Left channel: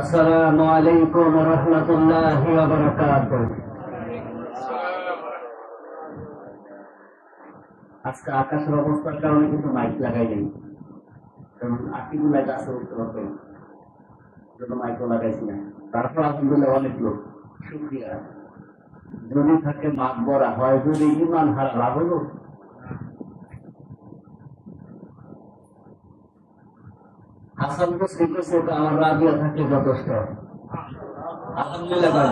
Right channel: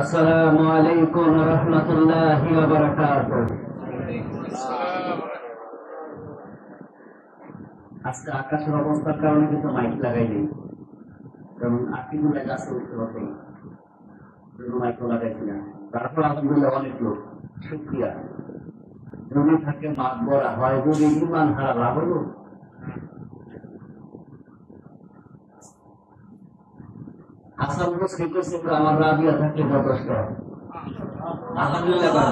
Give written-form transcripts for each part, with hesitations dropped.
আসসালামু আলাইকুম রহমতুল্লাহি ওয়া বারাকাতুহু। আজকে আকাশের অবস্থার কারণে কিন্তু মাইক লাগাই নেই, কারণ আকিগুলা গাছে উঠতে হতো, জন্য মাইকও লাগাইছি না। তারপর আলহামদুলিল্লাহ অনেক লোক, শুকরিয়া। যদি থাকে মাঘ বড়া হয়, যদি ইমান হারা লাভ হলো। হাসান বসরি কইছে আমার রাবিয়া থাকলে যথেষ্ট। আলহামদুলিল্লাহ।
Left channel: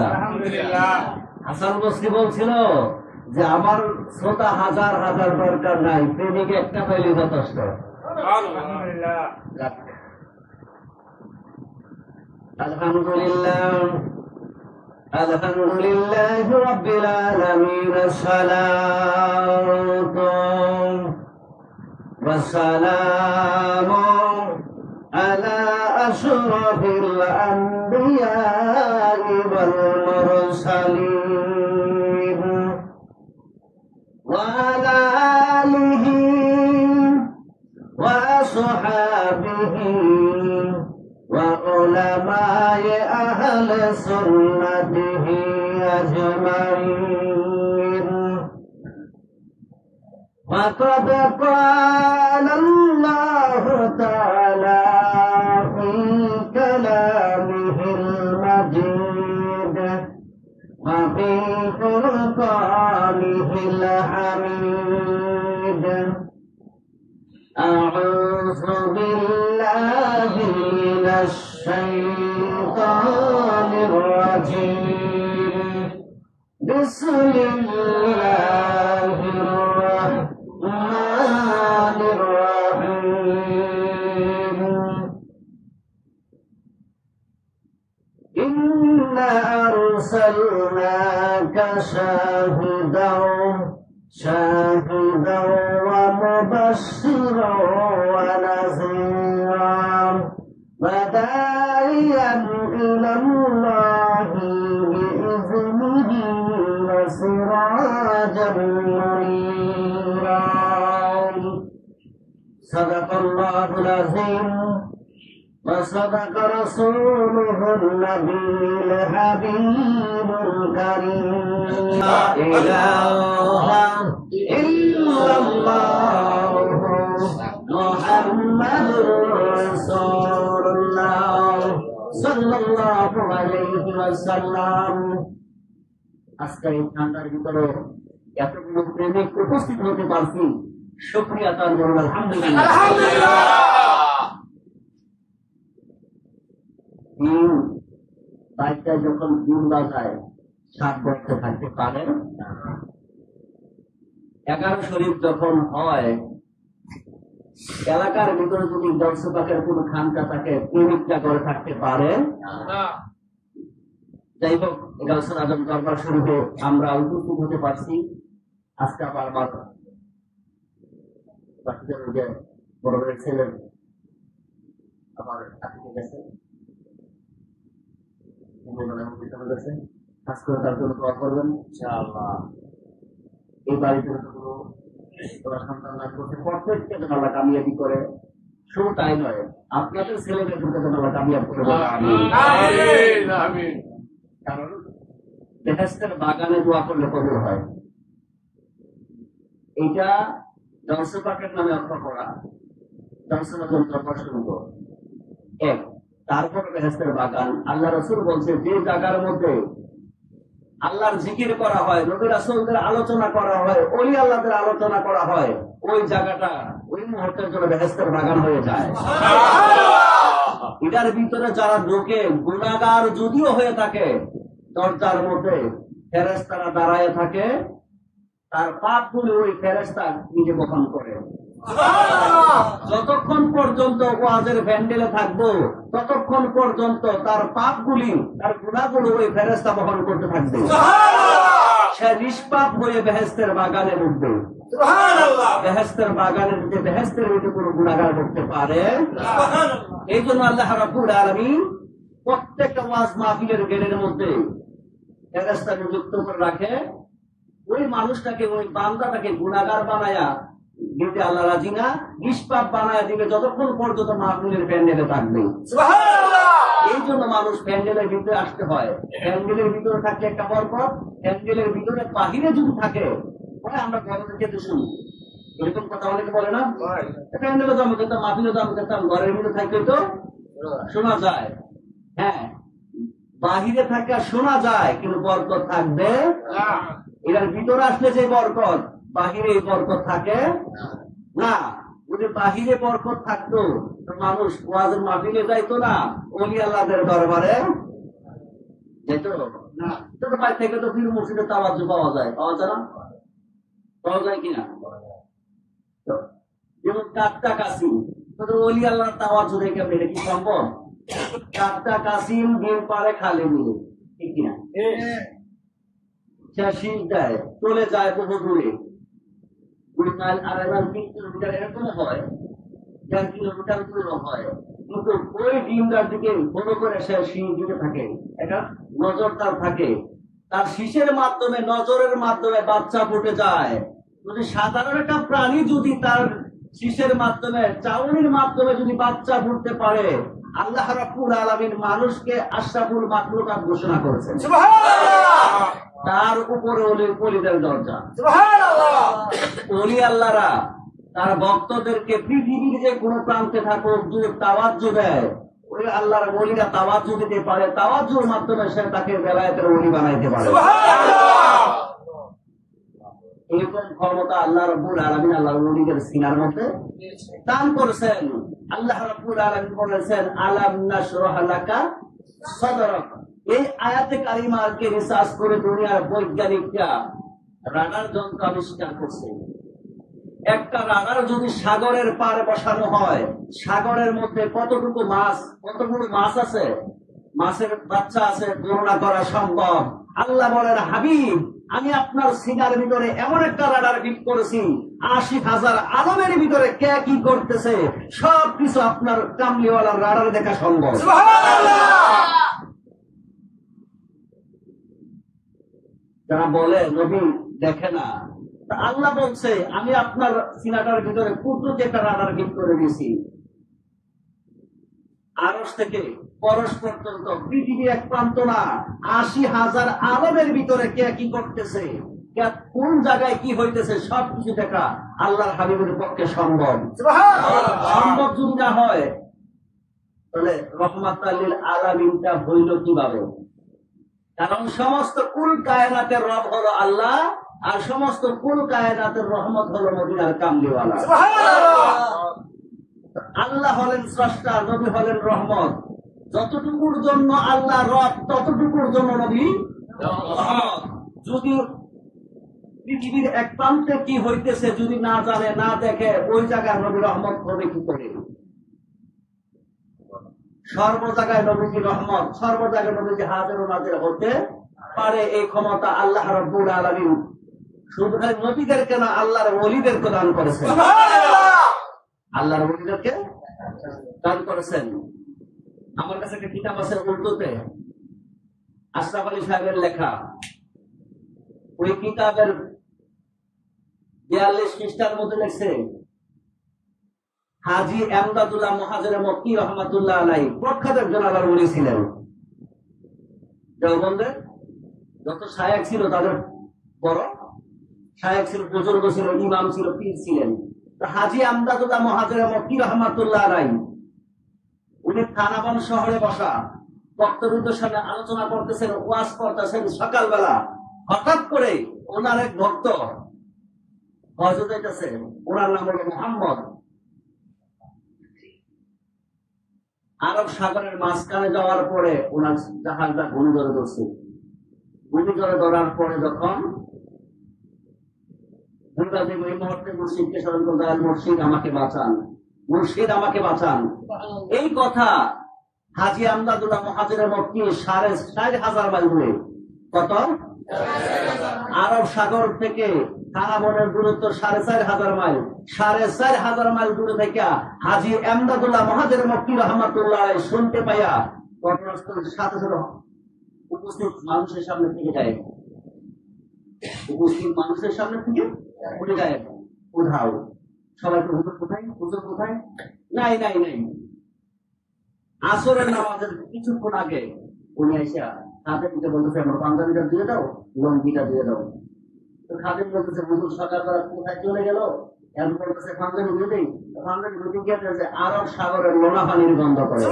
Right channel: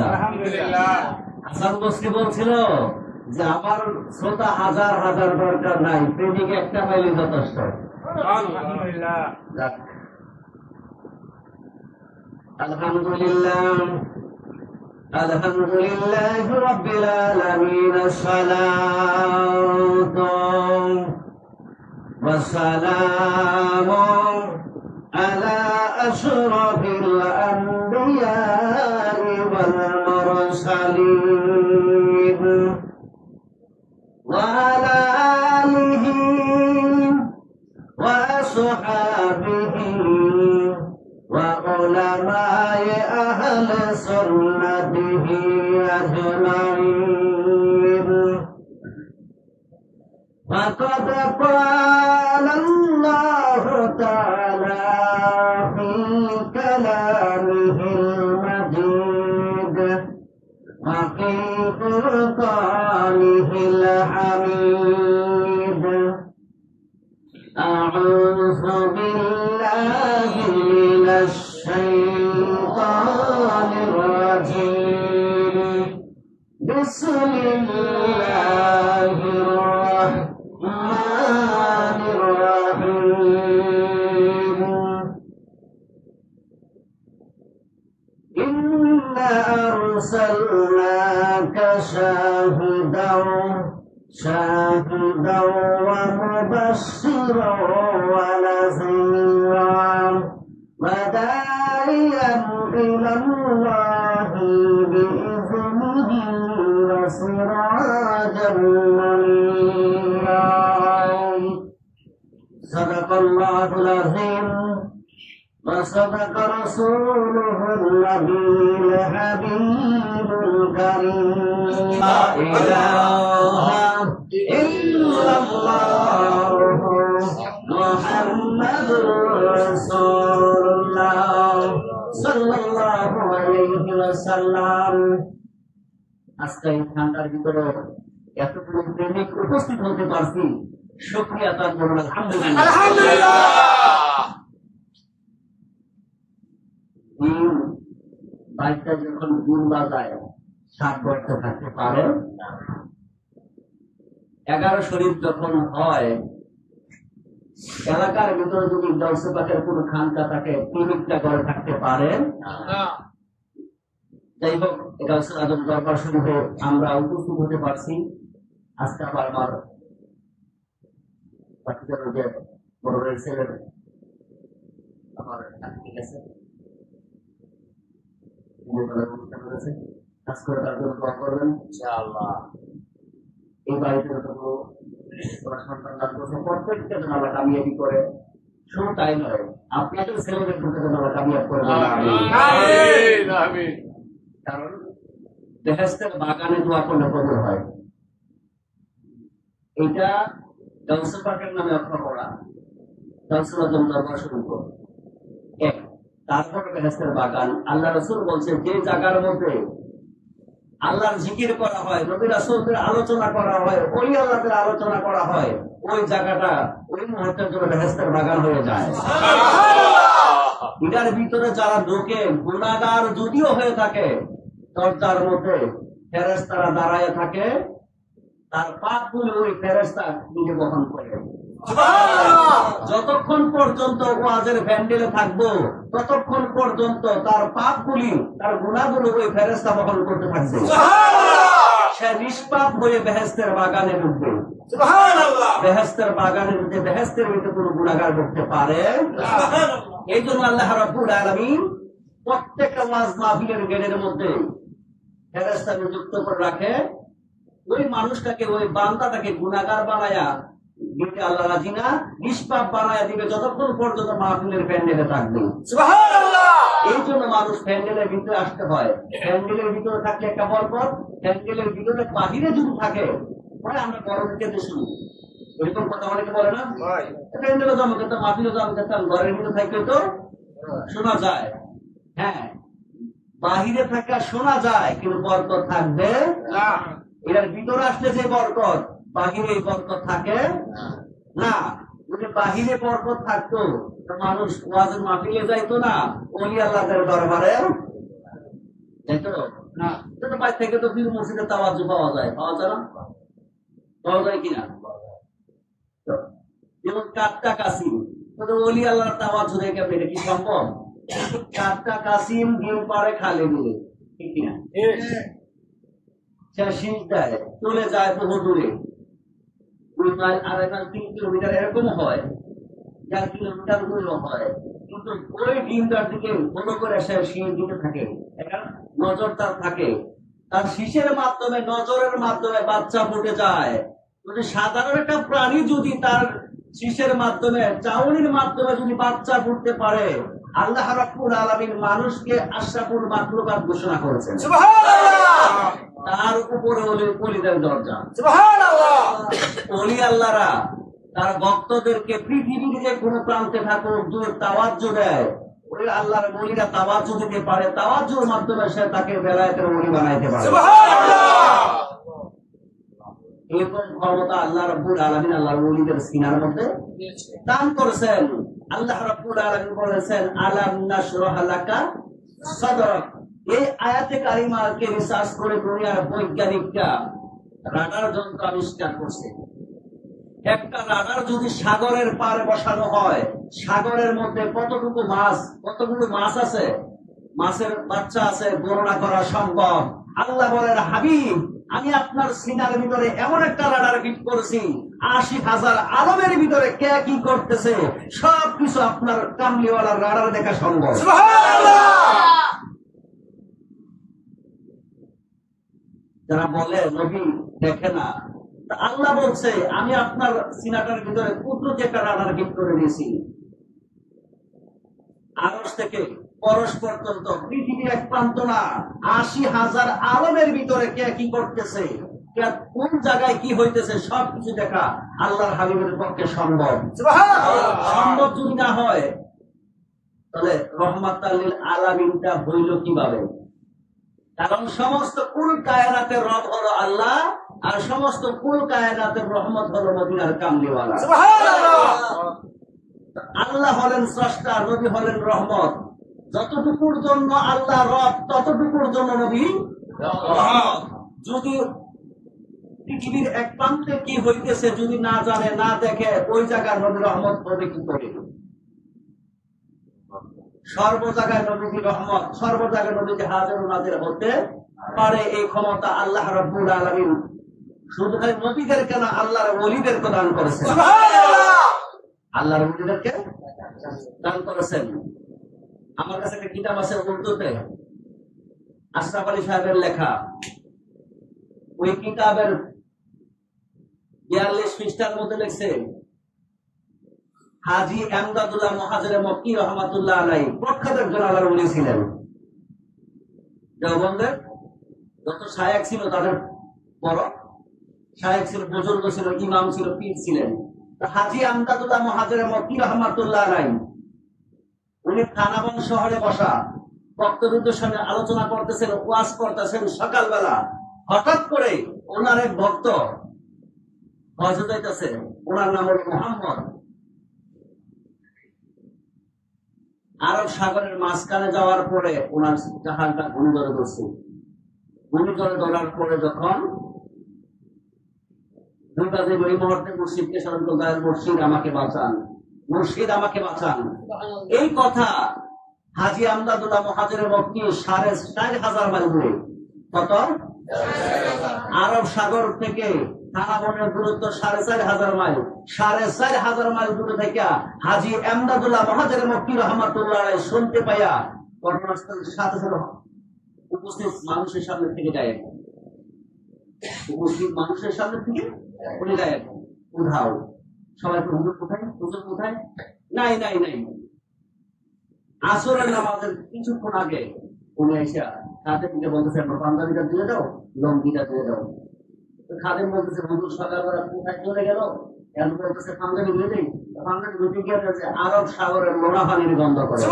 হাসান বসরি বলছিল যে আমার শ্রোতা হাজার হাজার দরকার নাই, প্রেমিক একটা পাইলে যথেষ্ট। আলহামদুলিল্লাহ আলহামদুলিল্লাহ রাব্বিল আলামিন। আসসালাতু ওয়াসসালামু আলা আশরাফিল আম্বিয়া ওয়াল মুরসালিন ওয়া আলা আলিহি ওয়া আসহাবিহি ওয়া উলামায়ে আহলে সুন্নাতিহি আজমাইন। ফাকাদ ক্বালা আল্লাহু তাআলা ফি কালামিহিল মাজিদ ওয়া ফি ফুরকানিহিল হামিদ। আউযু বিল্লাহি মিনাশ শাইতানির রাজীম। বিসমিল্লাহির রাহমানির রাহিম। ইন্না আরসালনাকা শাহিদাও ওয়া মুবাশশিরাও ওয়া নাযীরাও ওয়া দা'iyan ইলাল্লাহি বিইذনিহি ওয়া সিরাজাম মুনীরা। সাদাকাল্লাহুল আযীম ওয়া সাদাকা রাসূলুহুন নাবিয়্যুল হাবিবুল কারীম। লা ইলাহা ইল্লাল্লাহ মুহাম্মাদুর রাসূলুল্লাহ সাল্লাল্লাহু আলাইহি ওয়াসাল্লাম। আজকে এই ঠান্ডার ভিতরে এতগুলো প্রেমিক উপস্থিত হতে পারছি, শুকরিয়া তার জন্য। আলহামদুলিল্লাহ। দিন বাইকটা যখন দিন বাজায় 7 বছর থাকতে পারে। 11 শরীফ যখন হয়, এলাকার ভিতরে যদি গাউসে পাকের কোন খানকা থাকে, প্রেমিকটা ঘরে থাকতে পারে। যাই হোক, গাউসুল আজম দরবার শরীফে আমরা উপস্থিত হতে পারছি। আজকে আবার বাচ্চাদের যে বড় ছেলের আমার আজকে গেছে, কাজ করে তার জন্য দোয়া করবেন ইনশাআল্লাহ। এই বাড়িতে ওরা সন্তান লাভ করছে, প্রত্যেকটা যেন আল্লাহ কামিয়াবি করে। শুধু তাই নয়, আপনাদের ছেলেদের যেন আল্লাহ কামিয়াব করে দেন। কারণ বেহেশতের বাগানে দোয়া করলে কবুল হয়। এইটা গাউসে পাকের নামে অর্থ করা, গাউসুল আজম দরবার শরীফ এক। তারপর বেহেশতের বাগান। আল্লাহ রাসূল বলছে, যে জায়গার মধ্যে আল্লাহর জিকির করা হয়, নবী রাসূলদের আলোচনা করা হয়, ওই আল্লাহদের আলোচনা করা হয়, ওই জায়গাটা ওই মুহূর্তের জন্য বেহেশতের বাগান হয়ে যায়। এটার ভিতরে যারা ঢোকে, গুনাহগার যদিও হয়ে থাকে, দরজার মধ্যে ফেরেশতারা দাঁড়ায় থাকে, তার পাপগুলো ওই ফেরেশতা নিজে বহন করে। যতক্ষণ পর্যন্ত ওয়াজের ভ্যান্ডেলে থাকবো, ততক্ষণ পর্যন্ত তার পাপগুলি, তার গুনাহগুলো ওই ফেরেশতা বহন করতে থাকবে। সে নিষ্পাপ হয়ে বেহেশতের বাগানে ঢুকবে। বেহেশতের বাগানে ঢুকে বেহেশতের ভিতরে কোনো গুনাহগার ঢুকতে পারে। এই জন্য আল্লাহ রাব্বুল আলামিন প্রত্যেকটা ওয়াজ মাহফিলের গেটের মধ্যে ফেরেশতা নিযুক্ত করে রাখে। ওই মানুষটাকে, ওই বান্দাটাকে গুনাহগার বানায়া দিতে আল্লাহ রাজি না, নিষ্পাপ বানায়া দিবে যতক্ষণ পর্যন্ত মাহফিলের প্যান্ডেলে থাকবে। সুবহানাল্লাহ। এই জন্য মানুষ প্যান্ডেলের ভিতরে আসতে হয়। প্যান্ডেলের ভিতরে থাকলে একটা বরকত, প্যান্ডেলের ভিতরে বাহিরে যদি থাকে পরে আমরা গরমের ক্ষেত্রে শুনি এরকম কথা অনেকে বলে না, প্যান্ডেলও জমা করতাম, মাহফিলও জমা করতাম, ঘরের ভিতরে থাকলে তো শোনা যায়। হ্যাঁ, বাহিরে থাকা শোনা যায় কিন্তু বরকত থাকবে এর ভিতরে আসলে যে বরকত, বাহিরে এই বরকত থাকে না। যদি বাহিরে বরকত থাকতো মানুষ ওয়াজের মাহফিলে যাইতো না, ওলি আল্লাহদের দরবারে যাইতো না। তো বাইরে থেকে তো পীর মুর্শিদের তাওয়াজ্জু পাওয়া যায়, পাওয়া যায় না? পাওয়া যায় কিনা? যেমন কাটটা কাসিম, ওলি আল্লাহর তাওয়াজ্জু দেখে এটা কি সম্ভব? কাটটা কাসিম গেম পারে খালে মিলে, ঠিক কিনা? সে শীষ দেয়, চলে যায় বহু দূরে, 2 মাইল 2.5 মাইল 3 কিলোমিটার এরকম হয়, 4 কিলোমিটার দূরেও হয়, কিন্তু ওই ডিমটার দিকে বড় করে সে শীষ দিতে থাকে, একটা নজর তার থাকে, তার শীষের মাধ্যমে নজরের মাধ্যমে বাচ্চা ফুটে যায়। যদি সাধারণ একটা প্রাণী যদি তার শীষের মাধ্যমে চাউনির মাধ্যমে যদি বাচ্চা ফুটতে পারে, আল্লাহ রাব্বুল আলামিন মানুষকে আশরাফুল মাখলুকাত ঘোষণা করেছেন। সুবহানাল্লাহ। তার উপরে ওলিদের দরজা। সুবহানাল্লাহ। ওলি আল্লাহরা তার ভক্তদেরকে পৃথিবীর যে কোনো প্রান্তে থাকুক যদি তাওয়াজ্জু দেয়, ওই আল্লাহর ওলিরা তাওয়াজ্জু দিতে পারে, তাওয়াজ্জুর মাধ্যমে সে তাকে বেলায়েতের ওলি বানাইতে পারে। সুবহানাল্লাহ। এরকম ক্ষমতা আল্লাহ রাব্বুল আলামিন আল্লাহর ওলিদের সিনার মধ্যে দান করেছেন। আল্লাহ রাব্বুল আলামিন বলেছেন আলাম নাশরাহ লাকা সাদরাক। এই আয়াতে কারিমাকে রিসার্চ করে দুনিয়ার বৈজ্ঞানিকরা রাডার যন্ত্র আবিষ্কার করছে। একটা রাডার যদি সাগরের পাড়ে বসানো হয়, সাগরের মধ্যে কতটুকু মাছ, কতগুলো মাছ আছে, মাছের বাচ্চা আছে গণনা করা সম্ভব। আল্লাহ বলেন হাবিব, আমি আপনার সিনার ভিতরে এমন একটা রাডার ফিট করেছি, 80,000 আলমের ভিতরে কে কি করতেছে সবকিছু আপনার কামলিওয়ালার রাডার দেখা সম্ভব। যারা বলে নবী দেখে না, আল্লাহ বলছে আমি আপনার সিনাটার ভিতরে কুদরতি একটা রাডার ফিট করে দিয়েছি। আরশ থেকে পরশ পর্যন্ত পৃথিবী এক প্রান্ত না, 80,000 আলমের ভিতরে কে কি করতেছে, কোন জায়গায় কি হইতেছে সবকিছু দেখা আল্লাহর হাবিবের পক্ষে সম্ভব। সম্ভব যদি না হয় তাহলে রহমাতাল লিল আলামিনটা হইল কিভাবে? কারণ সমস্ত কুল কায়নাতের রব হলো আল্লাহ, আর সমস্ত কুল কায়নাতের রহমত হলো মদিনার কামলিওয়ালা। আল্লাহ হলেন স্রষ্টা, নবী হলেন রহমত। যতটুকুর জন্য আল্লাহ রব, ততটুকুর জন্য নবী রহমত। যদি পৃথিবীর এক প্রান্তে কি হইতেছে যদি না জানে, না দেখে, ওই জায়গায় নবী রহমত হবে কি করে? সর্ব জায়গায় নবীজি রহমত, সর্ব জায়গায় নবীজি হাজির নাজির হতে পারে, এই ক্ষমতা আল্লাহ রাব্বুল আলামিন শুধু খালি নবীদেরকে না, আল্লাহর ওলিদেরকে দান করেছেন। আল্লাহর ওলিদেরকে দান করেছেন। আমার কাছে একটা কিতাব আছে উর্দুতে, আশরাফ আলী সাহেবের লেখা। ওই কিতাবের 42 পৃষ্ঠার মধ্যে লেখছে হাজী এমদাদুল্লাহ মুহাজিরে মক্কি রহমাতুল্লাহ আলাইহি প্রখ্যাত একজন আল্লাহর ওলি ছিলেন। দেওবন্দের যত শায়েখ ছিল তাদের বড় শায়েখ ছিল, বুজুর্গ ছিল, ইমাম ছিল, পীর ছিলেন। হাজী এমদাদুল্লাহ মুহাজিরে মক্কি রহমাতুল্লাহ আলাইহি উনি থানাবন শহরে বসা বক্তব্যের সামনে আলোচনা করতেছেন, ওয়াজ করতেছেন সকালবেলা। হঠাৎ করে ওনার এক ভক্ত হজে যাইতেছে, ওনার নাম হল মুহাম্মদ। আরব সাগরের মাঝখানে যাওয়ার পরে ওনার জাহাজটা ঘূর্ণিঝড়ে ধরছে। ঘূর্ণিঝড়ে ধরার পরে যখন এই মুহূর্তে মুর্শিদকে স্মরণ করলেন, মুর্শিদ আমাকে বাঁচান, মুর্শিদ আমাকে বাঁচান। এই কথা হাজী আমদাদুল্লাহ মুহাজিরে মক্কি 4,500 মাইল দূরে, কত আরব সাগর থেকে থানাবনের দূরত্ব 4,500 মাইল, 4,500 মাইল দূরে থেকে হাজী আমদাদুল্লাহ মুহাজিরে মক্কি রহমাতুল্লাহ আলাইহি শুনতে পাইয়া ঘটনাস্থলের সাথে সাথে উপস্থিত মানুষের সামনে থেকে যায়, উপস্থিত মানুষের সামনে থেকে উনি গায়েব, উধাও। সবাই হুজুর কোথায়, হুজুর কোথায়? নাই নাই নাই। আসরের নামাজের কিছুক্ষণ আগে উনি আইসা খাদেমকে বলতেছে আমার পাঞ্জাবিটা দিয়ে দাও, লঙ্গিটা দিয়ে দাও। তো খাদেম বলতেছে হুজুর সকালবেলা কোথায় চলে গেল? এখন বলতেছে পাঞ্জাবি দিয়ে দেই। পাঞ্জাবি ধুতে গিয়ে আরব সাগরের লোনা পানির গন্ধ করে।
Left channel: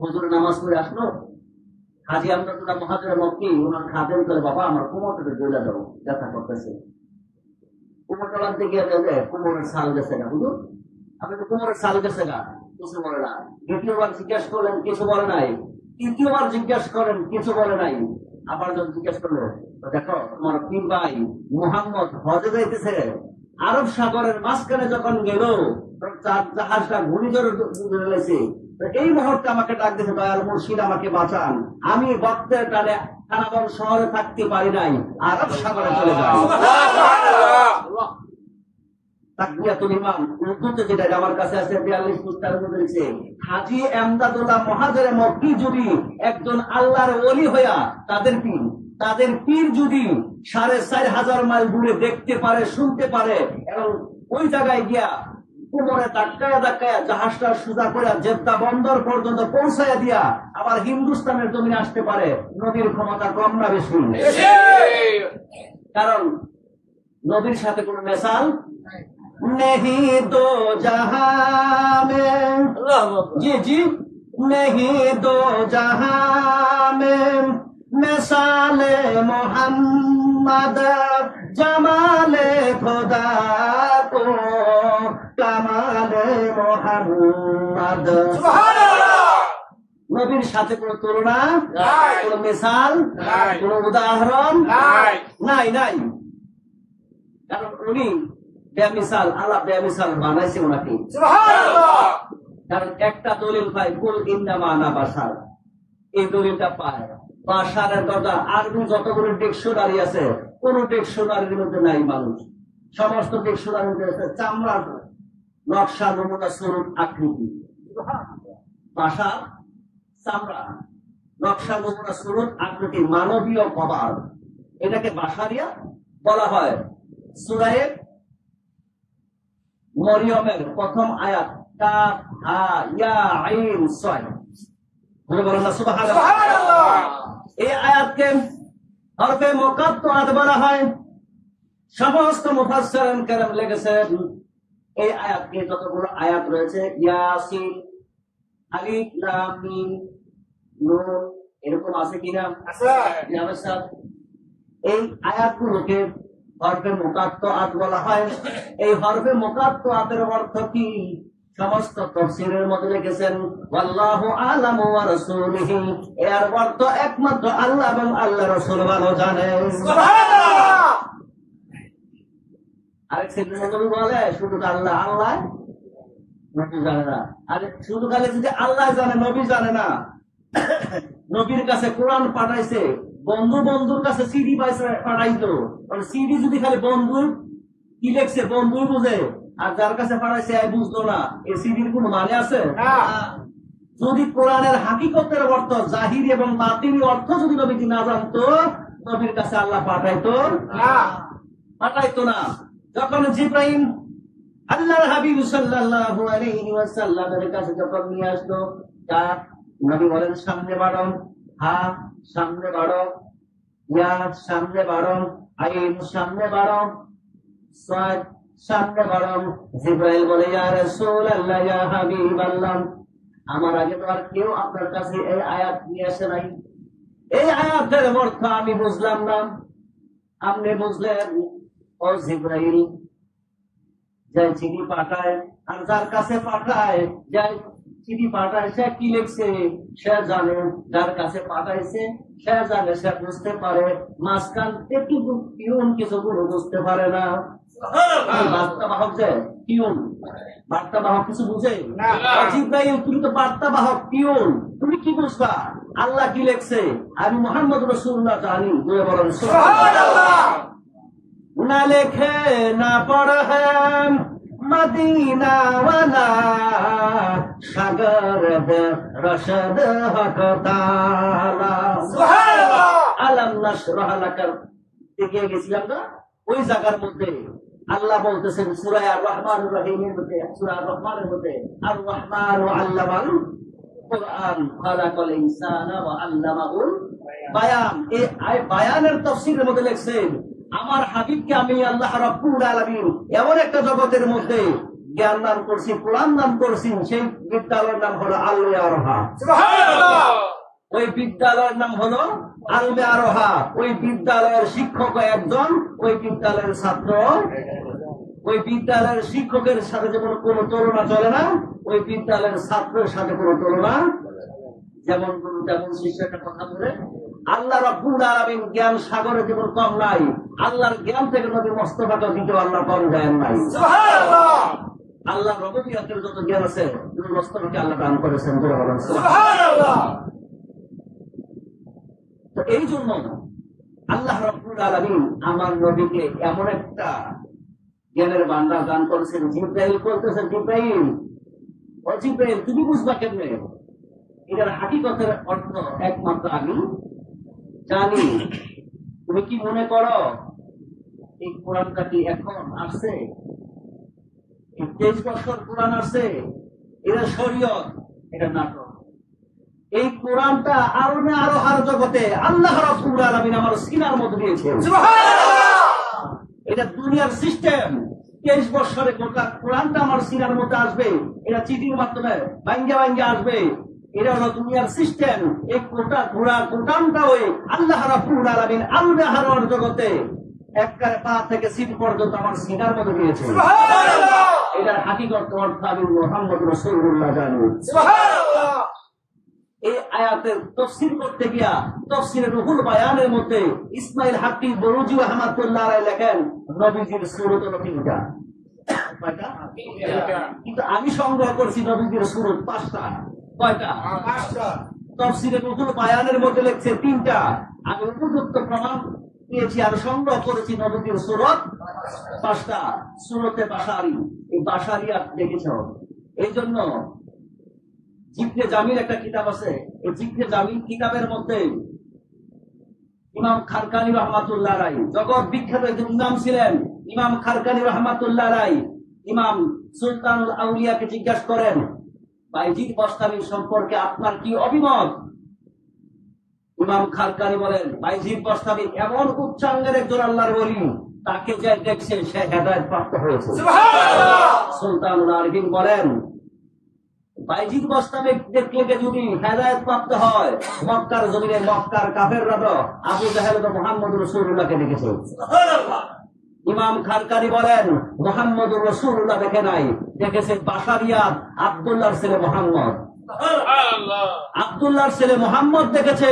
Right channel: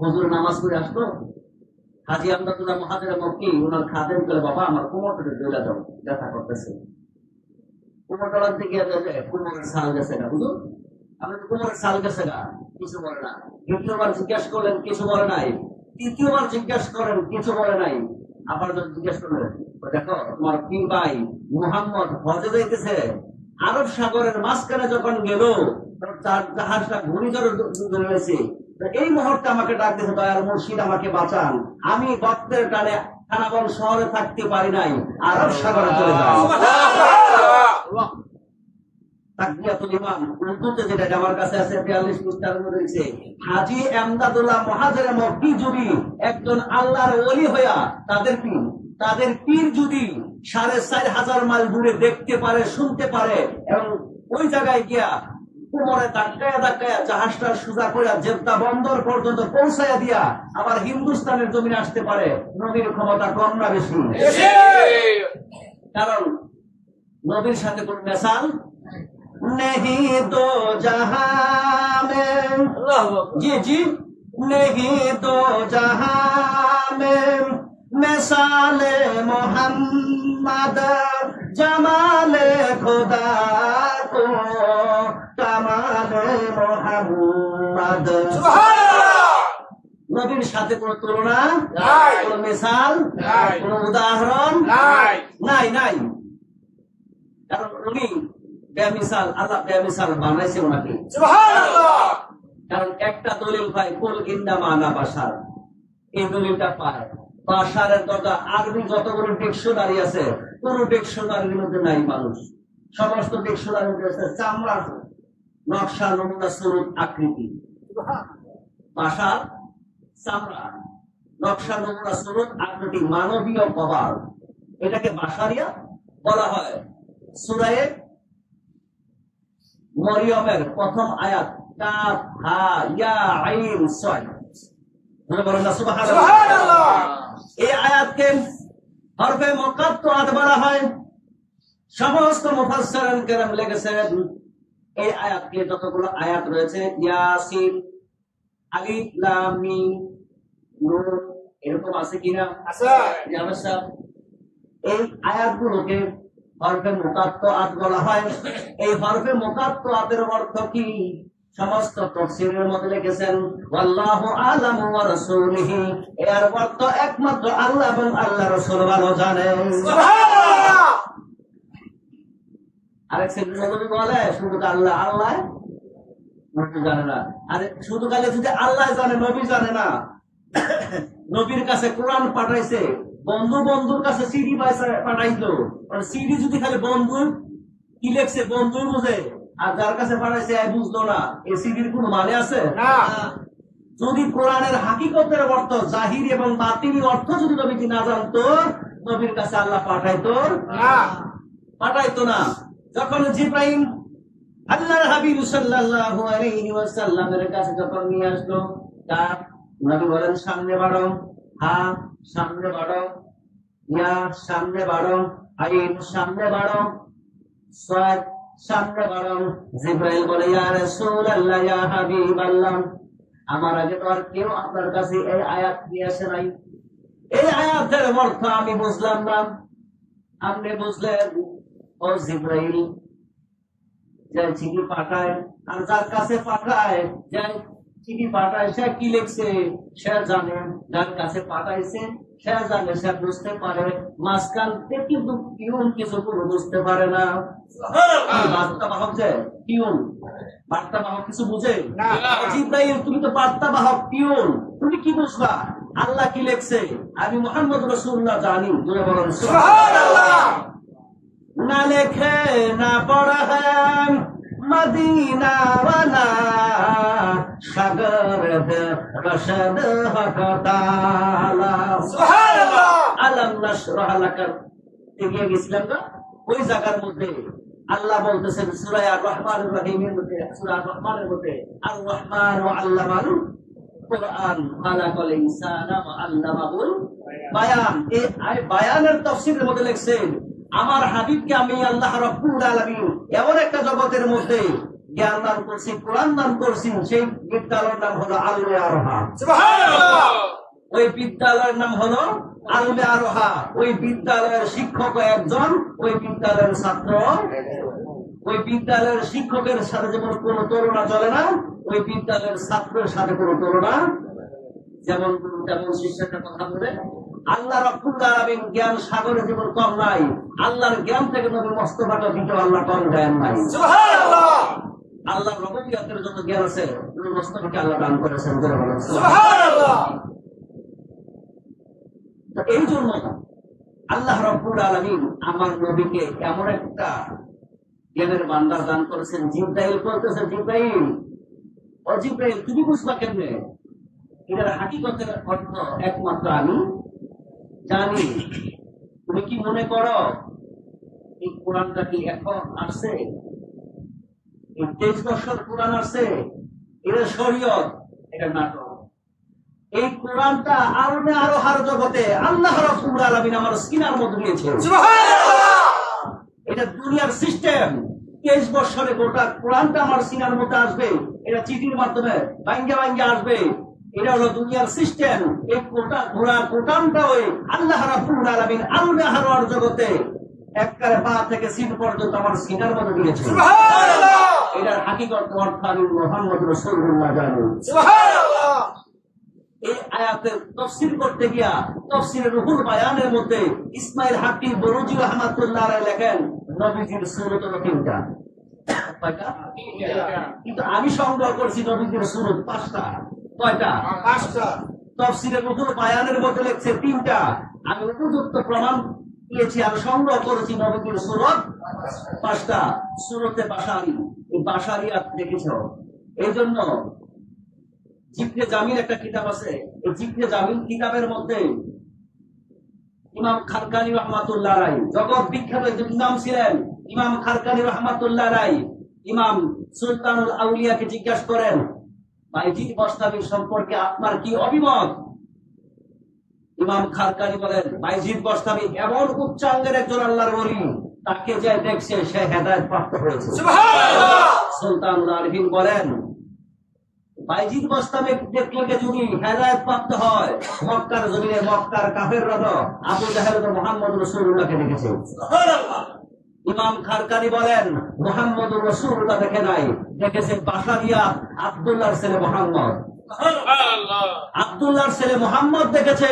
হুজুর নামাজ পড়ে আসলো, হাজি আমদাদুল্লাহ মুহাজিরে মক্কি ওনার খাদেম করে বাবা আমার কোমরটা দইলা দাও, ব্যথা করতেছে। কোমর ডলাতে গিয়ে কোমরের সাল গেছে না হুজুর, আপনি তো কোমরের সাল গেছে না, কিছু বলে না। দ্বিতীয়বার জিজ্ঞাসা করলেন, কিছু বলে নাই। তৃতীয়বার জিজ্ঞাসা করেন, কিছু বলে নাই। আবার যখন জিজ্ঞাসা করলেন, দেখো তোমার পীর ভাই মুহাম্মদ হজে যাইতেছে, আরব সাগরের মাঝখানে যখন গেল জাহাজটা ঘূর্ণিঝড়ে লেগেছে, এই মুহূর্তে আমাকে ডাক দিয়েছে দয়াল মুর্শিদ আমাকে বাঁচান, আমি ভক্তের টানে খানাবন শহরে থাকতে পারি নাই, আরব সাগরে চলে যাই। তাকবিরাতুল ইমাম উর্দুতে যেটা আমার কাছে আছে 42 পৃষ্ঠার মধ্যে লিখছে, হাজী আমদাদুল্লাহ মুহাজিরে মক্কি যদি একজন আল্লাহর ওলি হইয়া তাদের পীর যদি 4500 মাইল দূরে দেখতে পারে, শুনতে পারে, এবং ওই জায়গায় গিয়া কোমরে ধাক্কায়া জাহাজটা সোজা করে জেদ্দা বন্দর পর্যন্ত পৌঁছাইয়া দিয়া আবার হিন্দুস্তানের জমিনে আসতে পারে, নবীর ক্ষমতা কম না বেশি? কারণ নবীর সাথে কোন মেসাল नहीं दो जहां में, जी नहीं दो जहां में मिसाले मोहम्मद, जमाले खुदा को कमाले मोहम्मद। নবীর সাথে কোন তুলনা, কোন মিসাল, কোন উদাহরণ নাই। কারণ উনি বেমিসাল, আল্লাহ বেমিসাল বানাইছে ওনাকে। কারণ একটা দলিল পায়, কুল ইন্নামা আনা বাশার, এই দলিলটা পায়। বাশারের দরজা আরবি যতগুলো ডিকশনারি আছে কোন ডিকশনারির মধ্যে নাই মানুষ। সমস্ত ডিকশনারির মধ্যে আছে চামড়ার নকশা, নমুনা, সুরত, আকৃতি। বাশার চামড়া, নকশা, নমুনা, সুরত, আকৃতি, মানবীয় কবার, এটাকে বাশারিয়া বলা হয়। সূরা মরিয়মের প্রথম আয়াত কাফ হা ইয়া আইন সদ, বলেন না সুবহানাল্লাহ। এই আয়াতকে হরফে মুকাত্তাআত বলা হয়। সমস্ত মুফাসসিরিন কেরাম লিখেছেন এই আয়াতকে যতগুলো আয়াত রয়েছে, ইয়াসিন, আলিফ, লাম, মিম, নুন, এরকম আছে কিনা? আছে। এই আয়াতগুলোকে হরফে মুকাত্তাআত বলা হয়। এই হরফে মুকাত্তাআতের অর্থ কি? সমস্ত তাফসীরের মধ্যে লিখেছেন ওয়াল্লাহু আ'লামু ওয়া রাসূলুহু, এর অর্থ একমাত্র আল্লাহ এবং আল্লাহর রাসূল ভালো জানেন। সুবহানাল্লাহ। আরেক সেদিন বলে শুধু আল্লাহ নবী জানে না। আরে শুধু খালি যদি আল্লাহ জানে, নবী জানে না। নবীর কাছে কোরআন পাঠাইছে, বন্ধুর কাছে সিডি পাঠাইতো, সিডি যদি খালি বন্ধু কি লেখছে বন্ধু বুঝে, আর যার কাছে পাঠাইছে বুঝতো না, এই সিডির কোন মানে আছে? যদি কোরআনের হাকিকতের অর্থ, জাহিরি এবং বাতিনি অর্থ যদি নবীজি না জানতো, নবীর কাছে আল্লাহ পাঠাইতো না। যখন জিবরাইল আল্লাহর হাবিব সাল্লাল্লাহু আলাইহি ওয়াসাল্লামের কাছে যখন নিয়ে আসলো, তার নবী বলেন সামনে বাড়ো, হা সামনে বাড়ো, ইয়া সামনে বাড়ো, আইন সামনে বাড়ো, সাদ সামনে বাড়ো। জিবরাইল বলে ইয়া রাসূলুল্লাহ, ইয়া হাবিবাল্লাহ, আমার আগে তো আর কেউ আপনার কাছে এই আয়াত নিয়ে আসে নাই, এই আয়াতের অর্থ আমি বুঝলাম না, আপনি বুঝলেন। ও জিবরাইল, যাই চিঠি পাঠায়, আর যার কাছে পাঠায়, যাই চিঠি পাঠায়, সে কি লিখছে সে জানে, যার কাছে পাঠাইছে সে জানে, সে বুঝতে পারে। মাঝখান থেকে কিন্তু পিউন কিছু করে বুঝতে পারে না। বার্তা বাহক যে পিউন, বার্তা বাহক কিছু বুঝে না। জিবরাইল, তুমি তো বার্তা বাহক, পিউন, তুমি কি বুঝবা? আল্লাহ কি লিখছে আমি মুহাম্মদ রাসূলুল্লাহ জানি। তুমি বলেন সুবহানাল্লাহ। না লেখে না পড়া মদিনা ওয়ালা, সাগর রশদ হক তাআলা। সুবহানাল্লাহ। আলাম নাশরাহ লাকা এগিয়ে গেছিলাম না, ওই জায়গার মধ্যে আল্লাহ বলতেছেন সূরা আর রহমানুর রহিমের মধ্যে, সূরা আর রহমানের মধ্যে, আর রহমান ওয়া আল্লামাল কুরআন খালাকাল ইনসানা ওয়া আল্লামাহুল বায়ান। এই বায়ানের তাফসীরের মধ্যে লিখছেন আমার হাবিবকে আমি আল্লাহ রাব্বুল আলামিন এমন একটা জগতের মধ্যে জ্ঞান দান করছি, কোরআন দান করছি, সেই বিদ্যালয়ের নাম হলো আলমে আরোহা। সুবহানাল্লাহ। ওই বিদ্যালয়ের নাম হলো আলমে আরোহা। ওই বিদ্যালয়ের শিক্ষক একজন, ওই বিদ্যালয়ের ছাত্র, ওই বিদ্যালয়ের শিক্ষকের সাথে যেমন কোন তুলনা চলে না, ওই বিদ্যালয়ের ছাত্রের সাথে কোন তুলনা, যেমন গুরু তেমন শিষ্যের কথা বলে আল্লাহ রাব্বুল আলামিন জ্ঞান সাগরে যেমন কম নাই, আল্লাহর জ্ঞান থেকে নবী মুস্তাফাকে দিতে আল্লাহ কম দেন নাই। সুবহানাল্লাহ। আল্লাহ রব্বুবিয়তের যত জ্ঞান আছে নবী মুস্তাফাকে আল্লাহ দান করেছেন। সুবহানাল্লাহ। তো এই জন্য আল্লাহ রাব্বুল আলামিন আমার নবীকে এমন একটা জ্ঞানের ভান্ডার দান করেছেন। জিবরাইল বলতেছেন, জিবরাইল, ও জিবরাইল, তুমি বুঝবা কেমনে? এটার হাকিকতের অর্থ একমাত্র আমি জানি। তুমি কি মনে করো এই কোরআনটা কি এখন আসছে? এই 23 বছর কোরআন আসছে? এটা শরীয়ত, এটা নাটক। এই কোরআনটা আলমে আরোহার জগতে আল্লাহ রাব্বুল আলামিন আমার সিনার মধ্যে দিয়েছেন। সুবহানাল্লাহ। এটা দুনিয়ার সিস্টেম। 23 বছরে গোটা কোরআনটা আমার সিনার মধ্যে আসবে। এটা চিঠির মাধ্যমে ভাঙ্গা ভাঙ্গা আসবে। এটা হলো দুনিয়ার সিস্টেম। এই কোরআনটা ওই আল্লাহ রাব্বুল আলামিন আলমে আরোহার জগতে একবারে পা থেকে সিন পর্যন্ত আমার সিনার মধ্যে দিয়েছেন। সুবহানাল্লাহ। এটার হাকিকত অর্থ আমি মুহাম্মদ রাসূলুল্লাহ জানি। সুবহানাল্লাহ। এই আয়াতের তাফসীর করতে গিয়া তাফসীরে রুহুল বায়ানের মধ্যে ইসমাইল হাক্কি বরুজি রাহমাতুল্লাহ আলাইহি লেখেন নবীজির সূরত হলো 3টা। কয়টা? কিন্তু আমি সংগ্রহ করছি নবীজির সূরত 5টা। কয়টা? 5টা। তাফসীরে রুহুল বায়ানের মধ্যে লেখছে 3টা। আমি উপযুক্ত প্রমাণ পেয়েছি আর সংগ্রহ করেছি নবীজির সূরত 5টা। সূরতে বাশারি, এই বাশারিয়াত দেখেছো। এই জন্য জিবনে জামিল একটা কিতাব আছে। এই জিবনে জামিল কিতাবের মধ্যে ইমাম খারকানি রহমাতুল্লাহ আলাইহি, জগৎ বিখ্যাত একজন ইমাম ছিলেন ইমাম খারকানি রহমাতুল্লাহ আলাইহি, ইমাম সুলতানুল আউলিয়াকে জিজ্ঞাসা করেন, বাইজিদ বস্তামি সম্পর্কে আপনার কি অভিমত? ইমাম খারকানি বলেন, বাইজিদ বস্তামি এমন উচ্চাঙ্গের একজন আল্লাহর ওলি, তাকে যে দেখছে সে হেদায়েত প্রাপ্ত হয়েছে। সুবহানাল্লাহ। সুলতানুল আরিফিন বলেন, বাইজিদ বস্তামি দেখলে যদি হেদায়েত প্রাপ্ত হয়, মক্কার জমিনে মক্কার কাফেররা তো আবু জাহেল তো মুহাম্মদ রাসূলুল্লাহকে দেখেছে। সুবহানাল্লাহ। ইমাম খারকানি বলেন, মুহাম্মদ রাসূলুল্লাহ দেখে নাই, দেখেছে বাশারিয়াত আব্দুল্লাহর ছেলে মুহাম্মদ। সুবহানাল্লাহ। আব্দুল্লাহর ছেলে মুহাম্মদ দেখেছে,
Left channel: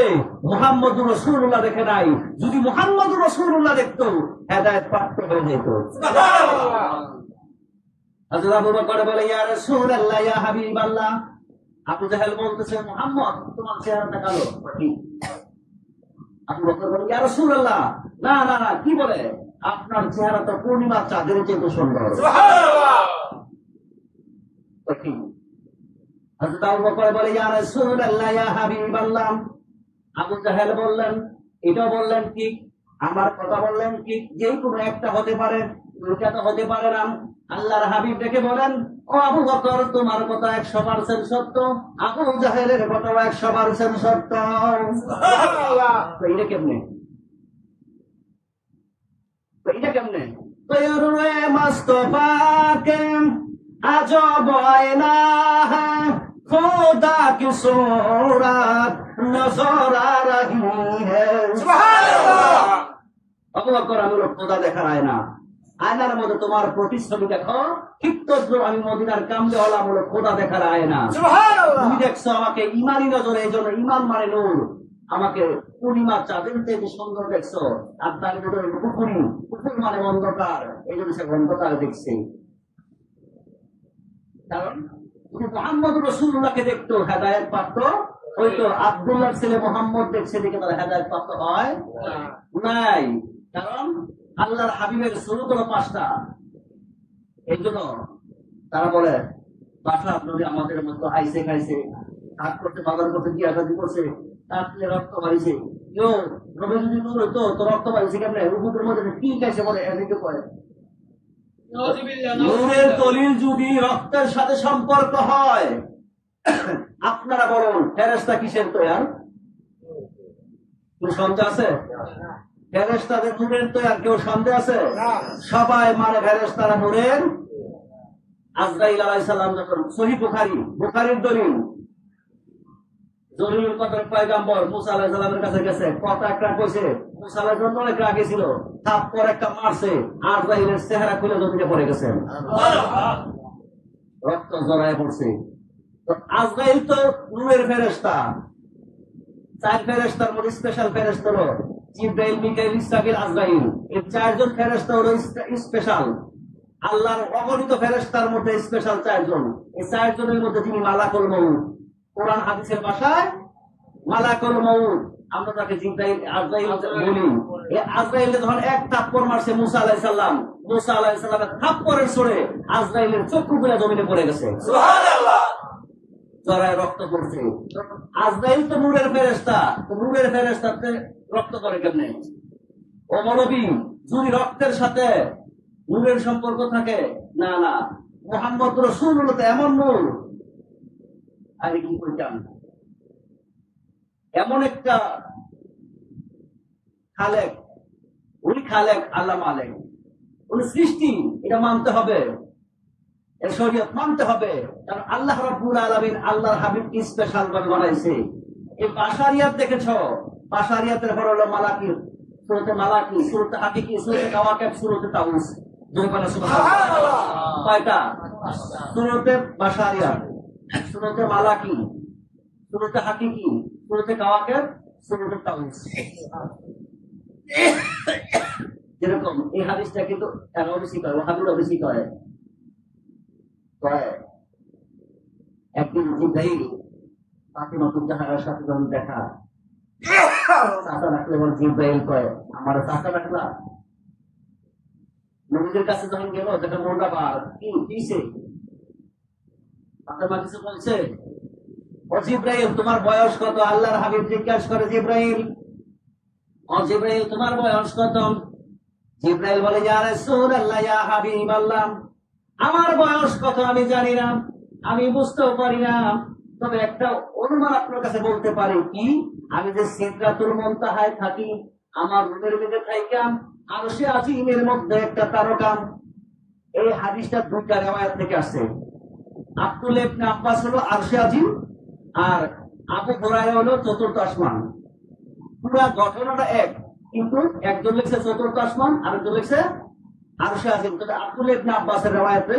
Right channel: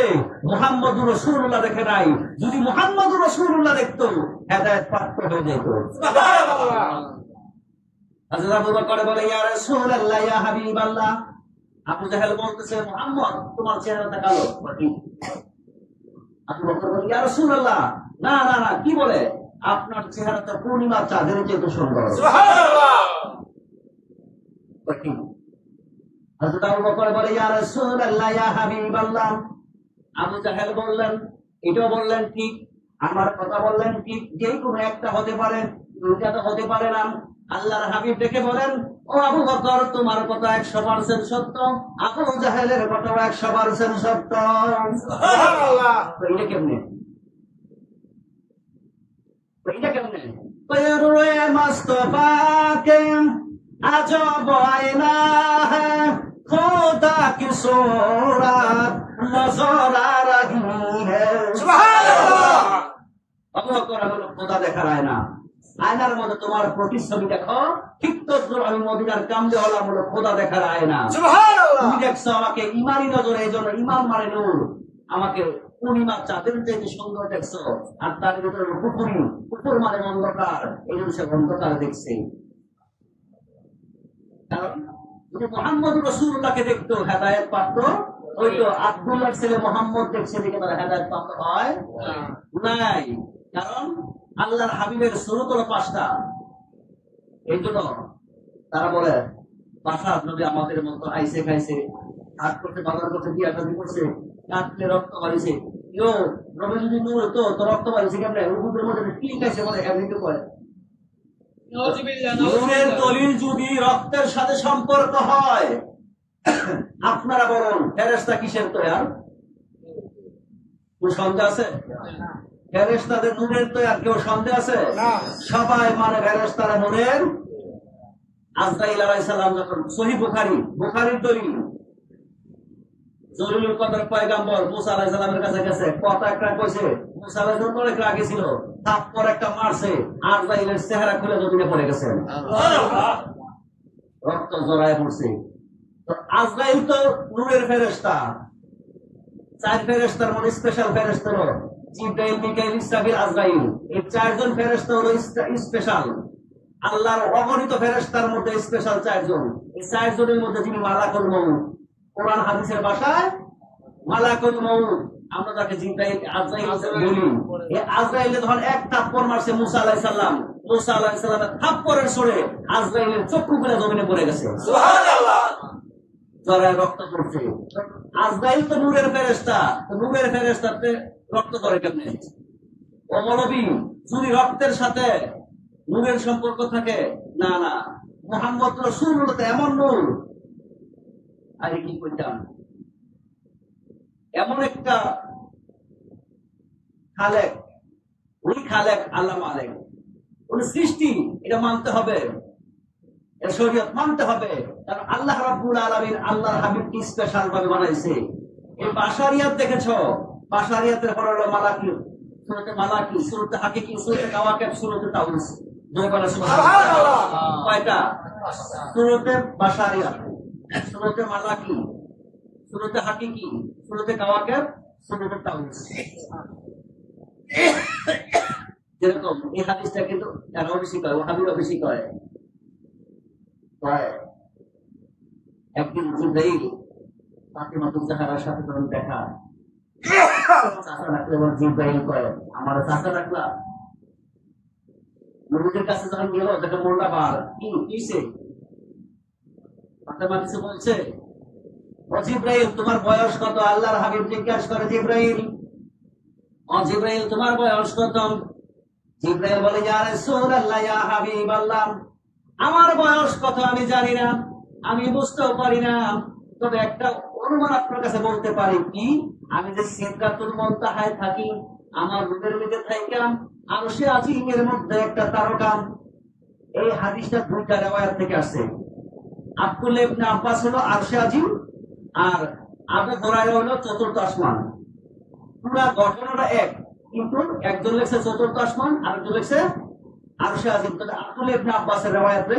মুহাম্মদ রাসূলুল্লাহ দেখে নাই। যদি মুহাম্মদ রাসূলুল্লাহ দেখতো হেদায়েত প্রাপ্ত হয়ে যেত। সুবহানাল্লাহ। হযরত আবু বকর বলে, ইয়া রাসূলুল্লাহ, ইয়া হাবিবাল্লাহ। আবু জাহেল বলতেছে, মুহাম্মদ তোমার চেহারাটা কালো। আবু বকর বলে, ইয়া রাসূলুল্লাহ, না না না, কি বলে? আপনার চেহারা তো পূর্ণিমা চাঁদের চেয়ে সুন্দর। সুবহানাল্লাহ। হযরত আবু বকর বলে, ইয়া রাসূলুল্লাহ, ইয়া হাবিবাল্লাহ। আবু জাহেল বললেন, এটাও বললেন ঠিক, আমার কথা বললেন ঠিক, যেই কোনো একটা হতে পারে, দুইটা তো হতে পারে না। আল্লাহর হাবিব ডেকে বলেন, ও আবু বকর, তোমার কথা 100% সত্য, আবু জাহেলের কথা 100% সত্য। সুবহানাল্লাহ। তো এটা কেমনে? এটা কেমনে? পেরুয়ে মুস্তাফাকে আজব আয়না হ্যায়, খোদা কি सूरत नजर आ रही है। সুবহানাল্লাহ। আবু বকর, আমি খোদা দেখার আয়না, আয়নার মধ্যে তোমার প্রতিচ্ছবি দেখো, ঠিক তদ্রুপ আমি মদিনার কামদে হলাম হলো খোদা দেখার আয়না। সুবহানাল্লাহ। তুমি দেখছো আমাকে ইমানি নজরে, এই জন্য ইমান মানে নূর, আমাকে পূর্ণিমা চাঁদের চেয়ে সুন্দর দেখছো, আর তার ভিতরে কুকুর মানে অন্ধকার, এই জন্য সে অন্ধকার দেখছে। কারণ যদি মুহাম্মদ রাসূলুল্লাহকে দেখতো হেদায়েত প্রাপ্ত হইতো, আব্দুল্লাহর ছেলে মুহাম্মদ দেখছে দেখে তারা হেদায়েত প্রাপ্ত হয় নাই। কারণ আল্লাহর হাবিবের সূরত হলো 5টা। এই জন্য তারা বলে, বাশার নবী আমাদের মতো আইসে খাইছে, হাত করতে বাজার করতে দিয়া দাদি করছে, কাটলে রক্ত বাড়িছে। ইয়ো নবী যদি নূর হইতো তো রক্ত বাড়িছে কেমনে? উহুদের মধ্যে কি খাইছে বলে এমনি করে। নূরের দলিল যদি রক্তের সাথে সম্পর্ক হয়, আপনারা বলুন ফেরেশতা কিসের তৈয়ার? কেউ সন্দেহ আছে? ফেরেশতাদের নূরের তৈয়ার কেউ সন্দেহ আছে? সবাই মানে ফেরেশতারা নূরের। আজরাইল আলাইহিস সালাম যখন সহিহ বুখারীর দলিল, জলিলুল কদর পয়গম্বর মুসা আলাইহিস সালামের কাছে গেছে, কথা একটা কইছে, মুসা আলাইহিস সালাম অনেক রাগে ছিল, থাপ্পড় একটা মারছে, আজরাইলের চেহারা খুলে জমিনে পড়ে গেছে, রক্ত জড়ায় পড়ছে। তো আজরাইল তো নূরের ফেরেশতা, চার ফেরেশতার মধ্যে স্পেশাল ফেরেশতা হলো জিবরাইল, মিকাইল, ইসরাফিল, আজরাইল। এই চারজন ফেরেশতা হলো স্পেশাল। আল্লাহর অগণিত ফেরেশতার মধ্যে স্পেশাল চারজন। এই চারজনের মধ্যে যিনি মালাকুল মউত, কোরআন হাদিসের ভাষায় মালাকুল মউত, আমরা তাকে জিবরাইল আজরাইল বলি। এই আজরাইল যখন এক থাপ্পড় মারছে মুসা আলাইহিস সালাম, মুসা আলাইহিস সালামের থাপ্পড়ের সরে আজরাইলের চক্ষুগুলো জমিনে পড়ে গেছে, সুবহানাল্লাহ, জড়ায় রক্ত পড়ছে। আজরাইল তো নূরের ফেরেশতা, তো নূরের ফেরেশতাতে রক্ত করে কেমনে? ও মৌলবী, যদি রক্তের সাথে নূরের সম্পর্ক থাকে, না না, মুহাম্মদ রাসূলুল্লাহ তো এমন নূর, আরে কি কইতাম, এমন একটা খালেক, উনি খালেক, আল্লাহ মালিক, উনি সৃষ্টি, এটা মানতে হবে, এর শরীয়ত মানতে হবে। কারণ আল্লাহ রাব্বুল আলামিন আল্লাহর হাবিবকে স্পেশাল ভাবে বানাইছে। এই বাশারিয়াত দেখেছো, বাশারিয়াতের পর হলো মালাকি, সূরাতে মালাকি, সূরাতে হাকিকি, সূরাতে কাওয়াকিব, সূরাতে তাউস। দুই বলা সুবহানাল্লাহ, কয়টা? সূরাতে বাশারিয়াত, সূরাতে মালাকি, সূরাতে হাকিকি, সূরাতে কাওয়াকিব, সূরাতে তাউস। যেরকম এই হাদিসটা কিন্তু এরাও বেশি কয়, ওয়াহাবিরাও বেশি কয়। একদিন জিবরাইল ফাতিমাতুজ জাহরার সাথে যখন দেখা, চাচা রাখলে বলে, জিবরাইল কয়, আমার চাচা রাখলা? নবীদের কাছে যখন গেল, দেখে মোল্লা বার, কি কিসে? ফাতিমা কিছু বলছে, ও জিবরাইল তোমার বয়স কত? আল্লাহর হাবিব জিজ্ঞাসা করে, জিবরাইল, ও জিবরাইল তোমার বয়স কত? জিবরাইল বলে, ইয়া রাসূলুল্লাহ, ইয়া হাবিবাল্লাহ, আমার বয়স কত আমি জানি না, আমি বুঝতেও পারি না, তবে একটা অনুমান আপনার কাছে বলতে পারি, কি আমি যে সিদরাতুল মুনতাহায় থাকি, আমার রুমের মধ্যে থাইকাম আরশে আজিমের মধ্যে একটা তারকা। এই হাদিসটা দুইটা riwayat থেকে আসছে। আব্দুল্লাহ ইবনে আব্বাস হলো আরশে আজিম, আর আবু হুরায়রা হলো চতুর্থ আসমান। পুরো ঘটনাটা এক, কিন্তু একজন লিখছে চতুর্থ আসমান, আরেকজন লিখছে আরশে আজিম। তবে আব্দুল্লাহ ইবনে আব্বাসের riwayate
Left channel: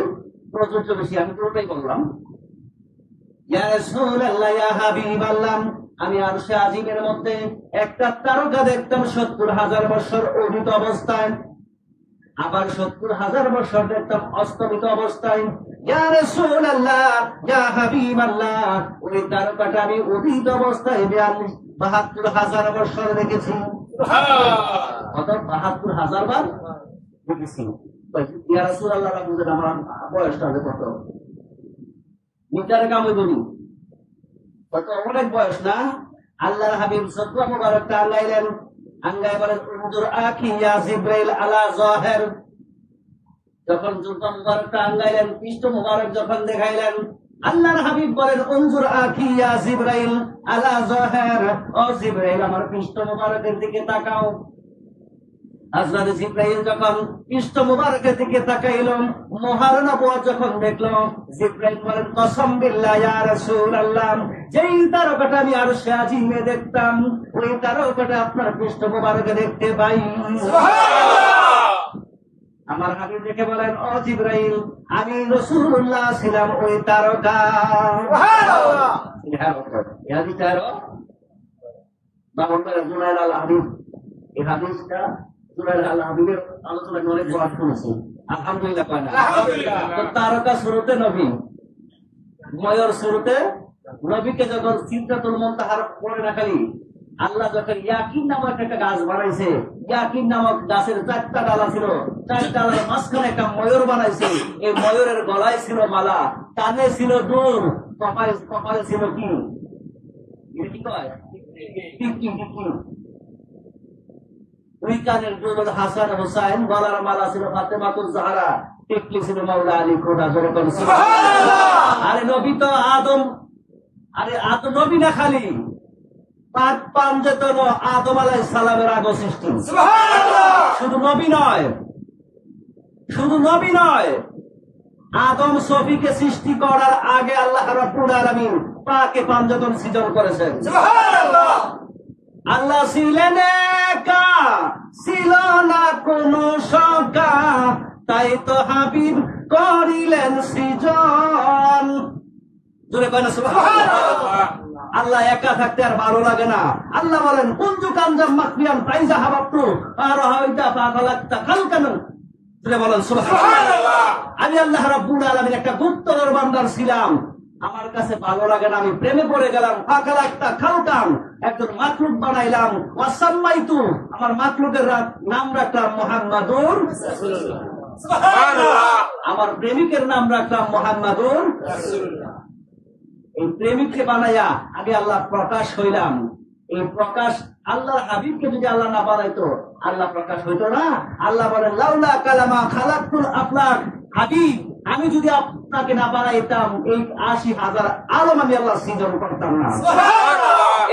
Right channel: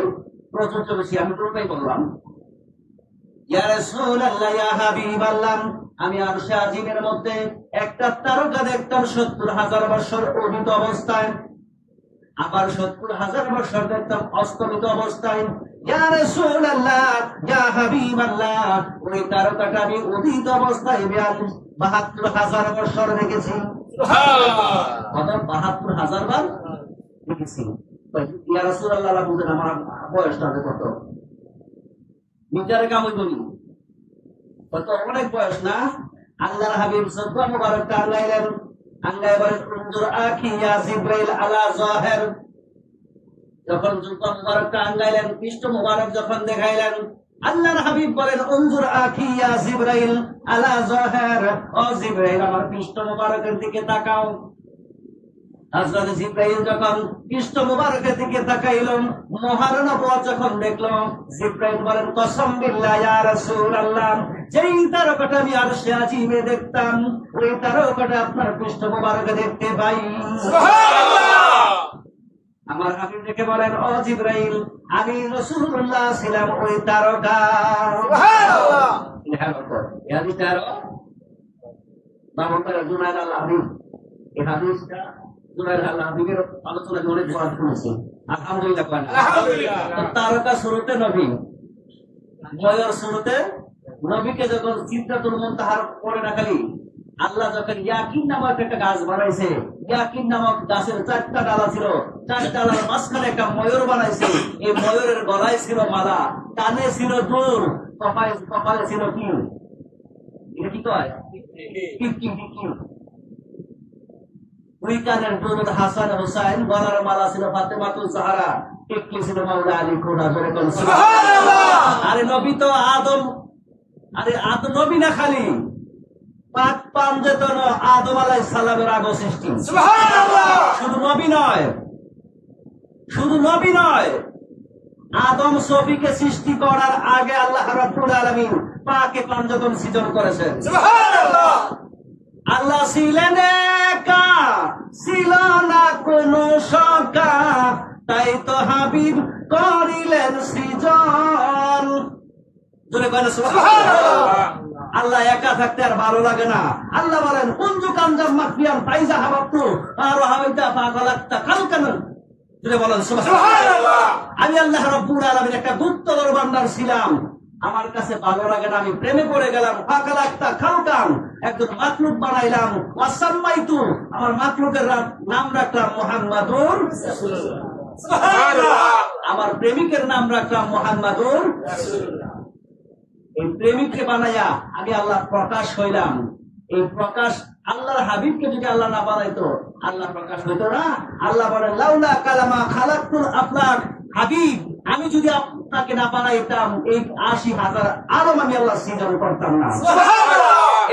প্রযোজ্য বেশি, আমি পুরোটাই বললাম। ইয়া রাসূলুল্লাহ, ইয়া হাবিবাল্লাহ, আমি আরশে আজিমের মধ্যে একটা তারকা দেখতাম ৭০,০০০ বছর উদিত অবস্থায়, আবার ৭০,০০০ বছর দেখতাম অস্তমিত অবস্থায়। ইয়া রাসূলুল্লাহ, ইয়া হাবিবাল্লাহ, ওই তারকাটা আমি উদিত অবস্থায় ৭২,০০০ বছর দেখেছি। সুবহানাল্লাহ, ৭২,০০০ বার দেখেছি। ইয়া রাসূলুল্লাহ, বুঝেন আমার বয়সটা কত? মিটারে কাম হইবনি, কত অনেক বয়স না? আল্লাহর হাবিব সদকা মুবারকটা আঙ্গাইলেন, আঙ্গাই বলেন, উনজুর আখি ইয়া জিবরাইল আলা যাহির। যখন জুলফা মুবারকটা আঙ্গাইলেন, পৃষ্ঠ মুবারক যখন দেখাইলেন, আল্লাহর হাবিব বলেন, উনজুর আখি ইয়া জিবরাইল আলা যাহির, ও জিবরাইল আমার পৃষ্ঠ মুবারকের দিকে তাকাও। হযরত জিবরাইল যখন পৃষ্ঠ মুবারকের দিকে তাকাইলো, মহার নবুয়ত যখন দেখলো, জিবরাইল বলেন, কসম বিল্লাহ ইয়া রাসূলুল্লাহ, যেই তারকাটা আমি আরশে আজিমে দেখতাম, ওই তারকাটা আপনার পৃষ্ঠ মুবারকে দেখতে পাই। সুবহানাল্লাহ, আমার হাবিব দেখে বলেন, ও জিবরাইল, আমি রাসূলুল্লাহ ছিলাম ওই তারকা। সুবহানাল্লাহ, এই হাদিসটা বাবুরা জুনায়দ আল হাবিব, এই হাদিসটা জুনায়দ আল হাবিবের আলোচনা অনেক বার শুনেছি, আলহামদুলিল্লাহ। তো তারকা শুরুতে নবী, ময়ূর শুরুতে নবীকে যখন সিদরাতুল মুনতাহার পরে রাখালি, আল্লাহ যখন ইয়াকিন নামক একটা গাছ বানাইছে, ইয়াকিন নামক গাছের 4টা ডালা ছিল, 4 ডালার মাঝখানে একটা ময়ূর বানাইছে। এই ময়ূরের গলায় ছিল মালা, কানে ছিল দুল, কপালে ছিল কি, এটা কি কয়, টিকি টিকি। দুই কানের দুল হাসান হোসাইন, গলার মালা ছিল ফাতেমাতুল জাহরা, টিকলি ছিল মাওলা আলী কোটা। জোরে বলেন সুবহানাল্লাহ। আরে নবী তো আদম, আরে আদম নবী না খালি পাক পাঞ্জেতন আদম আলাইহিস সালামের আগে সৃষ্টি। সুবহানাল্লাহ। শুধু নবী নয়, শুধু নবী নয়, আদম সফিকে সৃষ্টি করার আগে আল্লাহ রাব্বুল আলামিন পাকে পাঞ্জেতন সৃজন করেছেন। সুবহানাল্লাহ। আল্লাহ ছিলেন একা, ছিল না কোনো সকা, তাই তো হাবিব করিলেন সৃজন। জোরে কয় না সুবহানাল্লাহ। আল্লাহ একা থাকতে আর ভালো লাগে না। আল্লাহ বলেন কুনতু কানজাম মাখফিয়ান ফাইজা হাবাবতু ফারাহাইতা ফাখালাকতা খালকান। জোরে বলেন সুবহানাল্লাহ। আমি আল্লাহ রাব্বুল আলামিন একটা গুপ্তধর ভান্ডার ছিলাম, আমার কাছে ভালো লাগে না, আমি প্রেমে পড়ে গেলাম। ফাখালাকতা খালকান, একজন মাখলুক বানাইলাম। ওয়াসাম্মাইতু, আমার মাখলুকের নাম রাখলাম মুহাম্মাদুর রাসূলুল্লাহ। সুবহানাল্লাহ। আমার প্রেমিকের নাম রাখলাম মুহাম্মাদুর রাসূলুল্লাহ। এই প্রেমিককে বানাইয়া আগে আল্লাহ প্রকাশ হইলাম। এই প্রকাশ আল্লাহর হাবিবকে যদি আল্লাহ না বানাইতো আল্লাহ প্রকাশ হইতো না। আল্লাহ বলেন লাউলা কালামা খালাকুল আফলাক, হাবিব আমি যদি আপনাকে না বানাইতাম এই ৮০,০০০ আলম আমি আল্লাহ সৃজন করতাম না।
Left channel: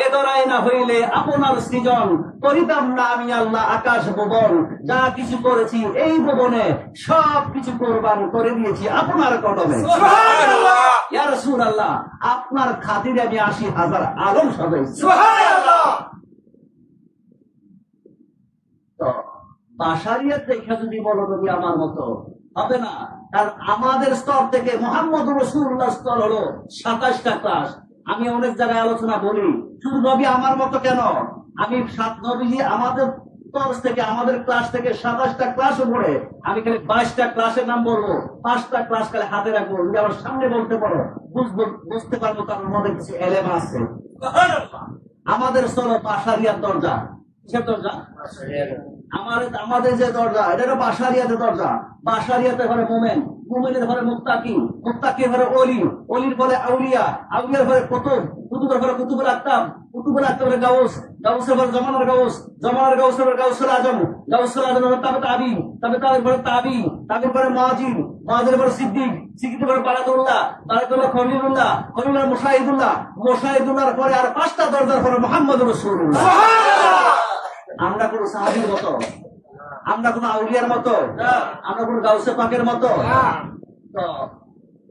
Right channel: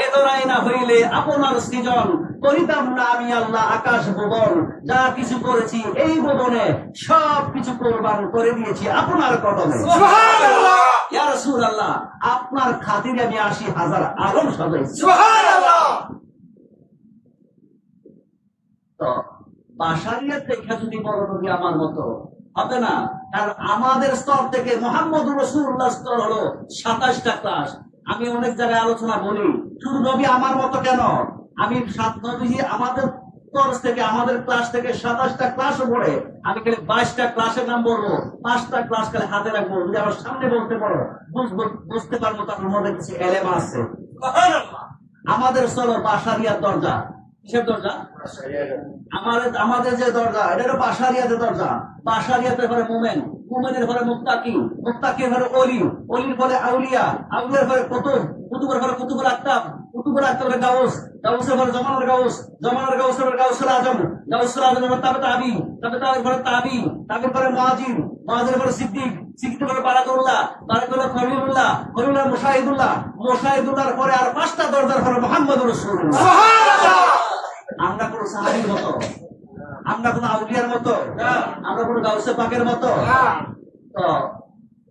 এ দরাই না হইলে আপনার সৃজন করিতাম না আমি আল্লাহ আকাশ ভুবন। যা কিছু করেছি এই ভুবনে সব কিছু কোরবান করে দিয়েছি আপনার কদমে। ইয়া রাসূলুল্লাহ, আপনার খাতিরে আমি ৮০,০০০ আলম সাজাইছি। তো বাশারিয়াত দেখা যদি বলো নবী আমার মতো হবে না, কারণ আমাদের স্তর থেকে মুহাম্মদুর রাসূলুল্লাহ স্তর হলো ২৭টা ক্লাস। আমি অনেক জায়গায় আলোচনা বলি, শুধু নবী আমার মতো কেন, আমি নবীজি আমাদের তরফ থেকে আমাদের ক্লাস থেকে ২৭টা ক্লাস উপরে, আমি খালি ২২টা ক্লাসের নাম বলবো, ৫টা ক্লাস খালি হাতে রাখবো। যদি আমার সামনে বলতে পারো বুঝতে পারবো তার মধ্যে কিছু এলেমা আছে। আমাদের চলো বাশারিয়াত দরজা। কিসের দরজা? আমাদের যে দরজা এটা হলো বাশারিয়াতের দরজা। বাশারিয়াতের ঘরে মোমেন, মোমেনের ঘরে মুত্তাকি, মুত্তাকির ঘরে অলি, অলির ঘরে আউলিয়া, আউলিয়ার ঘরে কুতুব, কুতুবের ঘরে কুতুবুল আকতাব, কুতুবুল আকতাবের গাউস, গাউসের ঘরে জামানার গাউস, জামানার গাউসের ঘরে গাউসুল আজম, গাউসুল আজমের ঘরে তাবে তাবি, তাবে তাবের ঘরে তাবি, তাবির ঘরে মুআজির, মুআজির ঘরে সিদ্দিক, সিদ্দিকের ঘরে বারাতুল্লাহ, বারাতুল্লাহ খলিলুল্লাহ, খলিলুল্লাহ মুশাহিদুল্লাহ, মুশাহিদুল্লাহর পরে আর ৫টা দরজার ঘরে মুহাম্মদুর রাসূলুল্লাহ। সুবহানাল্লাহ। আমরা কোন সাহাবীর মতো, আমরা কোন আউলিয়ার মতো, আমরা কোন গাউসে পাকের মতো। তো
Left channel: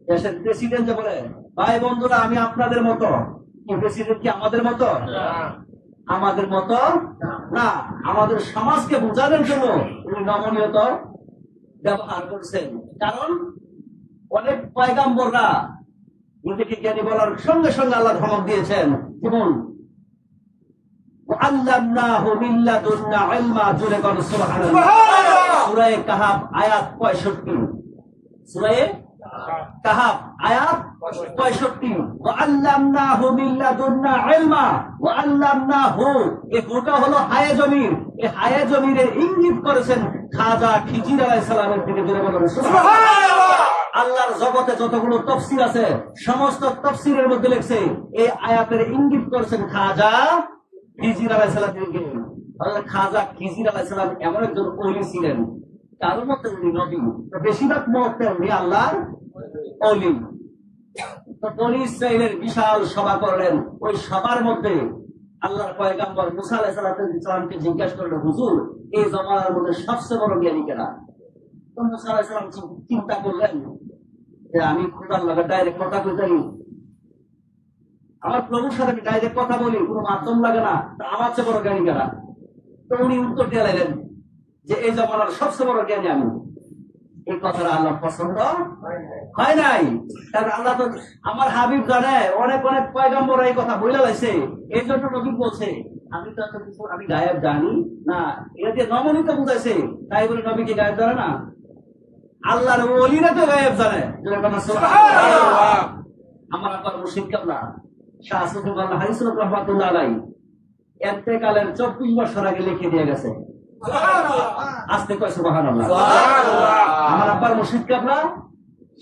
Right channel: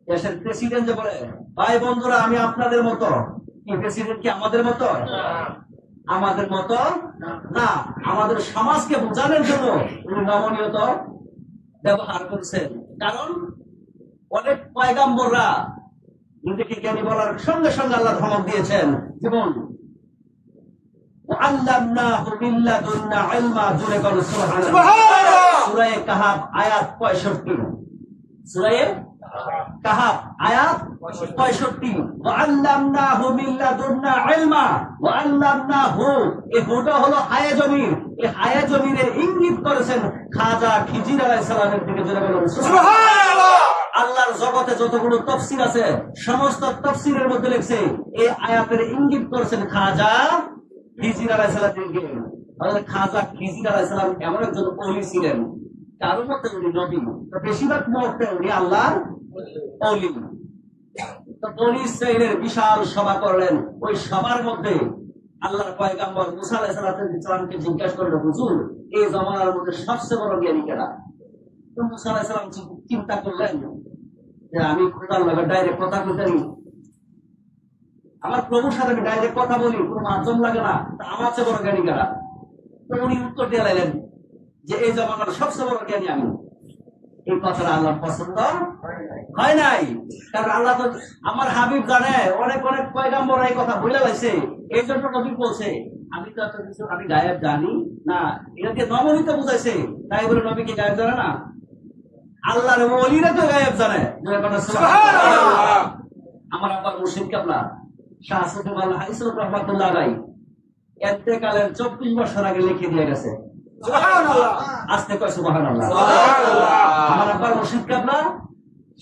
দেশের প্রেসিডেন্ট যে বলে ভাই বন্ধুরা আমি আপনাদের মতো, কি প্রেসিডেন্ট কি আমাদের মতো? আমাদের মতো না। আমাদের সমাজকে বোঝানোর জন্য উনি নমনীয়তা ব্যবহার করছেন। কারণ অনেক পয়গাম্বররা নিজেকে জ্ঞানী বলার সঙ্গে সঙ্গে আল্লাহ ধমক দিয়েছেন। যেমন আল্লামনাহু মিন লাদুন্না ইলমা। জোরে বলো সুবহানাল্লাহ। সূরা কাহাফ আয়াত ৬৫। সূরা কাহাফ আয়াত ৬৫। ওয়া আল্লামনাহু মিন লাদুন্না ইলমা ওয়া আল্লামনাহু, এই হুটা হলো হায়া জমির। এই হায়া জমিরের ইঙ্গিত করেছেন খাজা খিজির আলাইহিস সালামের দিকে। জোরে বলো সুবহানাল্লাহ। আল্লাহর জগতে যতগুলো তাফসীর আছে সমস্ত তাফসীরের মধ্যে লেখছে এই আয়াতের ইঙ্গিত করেছেন খাজা খিজির আলাইহিস সালামকে। খাজা খিজির আলাইহিস সালাম এমন একজন ওলি ছিলেন, কারোর মধ্যে উনি নবী, বেশিরভাগ মতে উনি আল্লাহর ওলি। তো বনী ইসরাইলের বিশাল সভা করলেন। ওই সভার মধ্যে আল্লাহর পয়গাম্বর মুসা আলাইহিস সালামকে জিজ্ঞাসা করলেন, হুজুর এই জমানার মধ্যে সবচেয়ে বড় জ্ঞানী কারা? তো মুসা আলাইহিস সালাম চিন্তা করলেন যে আমি খোদার লগে ডাইরেক্ট কথা কইতে পারি, আমার প্রভুর সাথে আমি ডাইরেক্ট কথা বলি, কোনো মাধ্যম লাগে না, আমার চেয়ে বড় জ্ঞানী কারা? তো উনি উত্তর দিয়ে লাইলেন যে এই জমানার সবচেয়ে বড় জ্ঞানী আমি। এই কথাটা আল্লাহ পছন্দ হয় নাই, কারণ আল্লাহ তো আমার হাবিব জানে, অনেক অনেক পয়গাম্বর এই কথা বইলা লাইছে। এই জন্য নবী বলছে আমি তো এত কিছু আমি গায়েব জানি না। এটা দিয়ে নমনীয়তা বুঝাইছে, তাই বলে নবী কি গায়েব জানে না? আল্লাহর ওলিরা তো গায়েব জানে। সুবহানাল্লাহ। আমার আব্বার মুর্শিদ কিবলা শাহ সুফি মাওলানা হারিসুল রাহমাতুল্লাহ আলাইহি ইন্তেকালের ২৪ বছর আগে লিখে দিয়ে গেছে। সুবহানাল্লাহ। আস্তে কয় সুবহানাল্লাহ। সুবহানাল্লাহ। আমার আব্বার মুর্শিদ কিবলা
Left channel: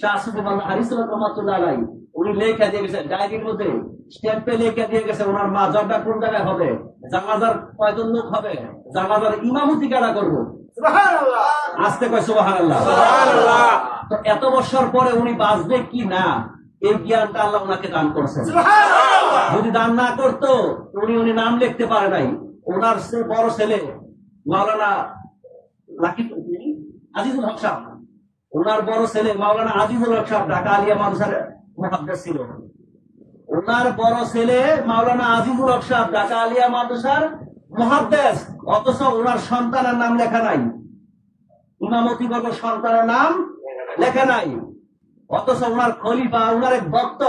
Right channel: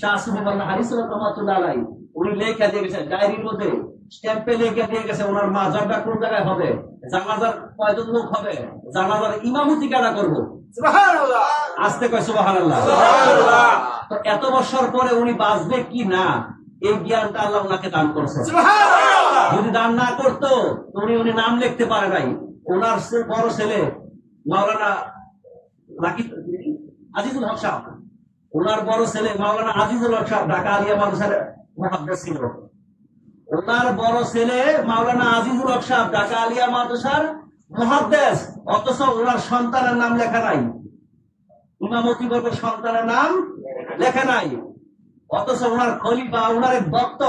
শাহ সুফি মাওলানা হারিসুল রাহমাতুল্লাহ আলাইহি উনি লেখা দিয়ে গেছে ডায়েরির মধ্যে, স্ট্যাম্পে লিখে দিয়ে গেছে ওনার মাজারটা কোন জায়গায় হবে, জানাজার কয়জন লোক হবে, জানাজার ইমামতি কারা করবো। আস্তে কয় সুবহানাল্লাহ। তো এত বছর পরে উনি বাঁচবে কি না এই জ্ঞানটা আল্লাহ ওনাকে দান করছেন। যদি দান না করতো উনি নাম লিখতে পারে নাই। ওনার বড় ছেলে মাওলানা আজিজুল হক সাহেব, ওনার বড় ছেলে মাওলানা আজিজুল হক সাহেব ঢাকা আলিয়া মাদ্রাসার মুহাদ্দিস ছিল। ওনার বড় ছেলে মাওলানা আজিজুল হক সাহেব ঢাকা আলিয়া মাদ্রাসার মুহাদ্দিস, অথচ ওনার সন্তানের নাম লেখা নাই, ইমামতি করবে সন্তানের নাম লেখা নাই। অথচ ওনার খলিফা ওনার এক ভক্ত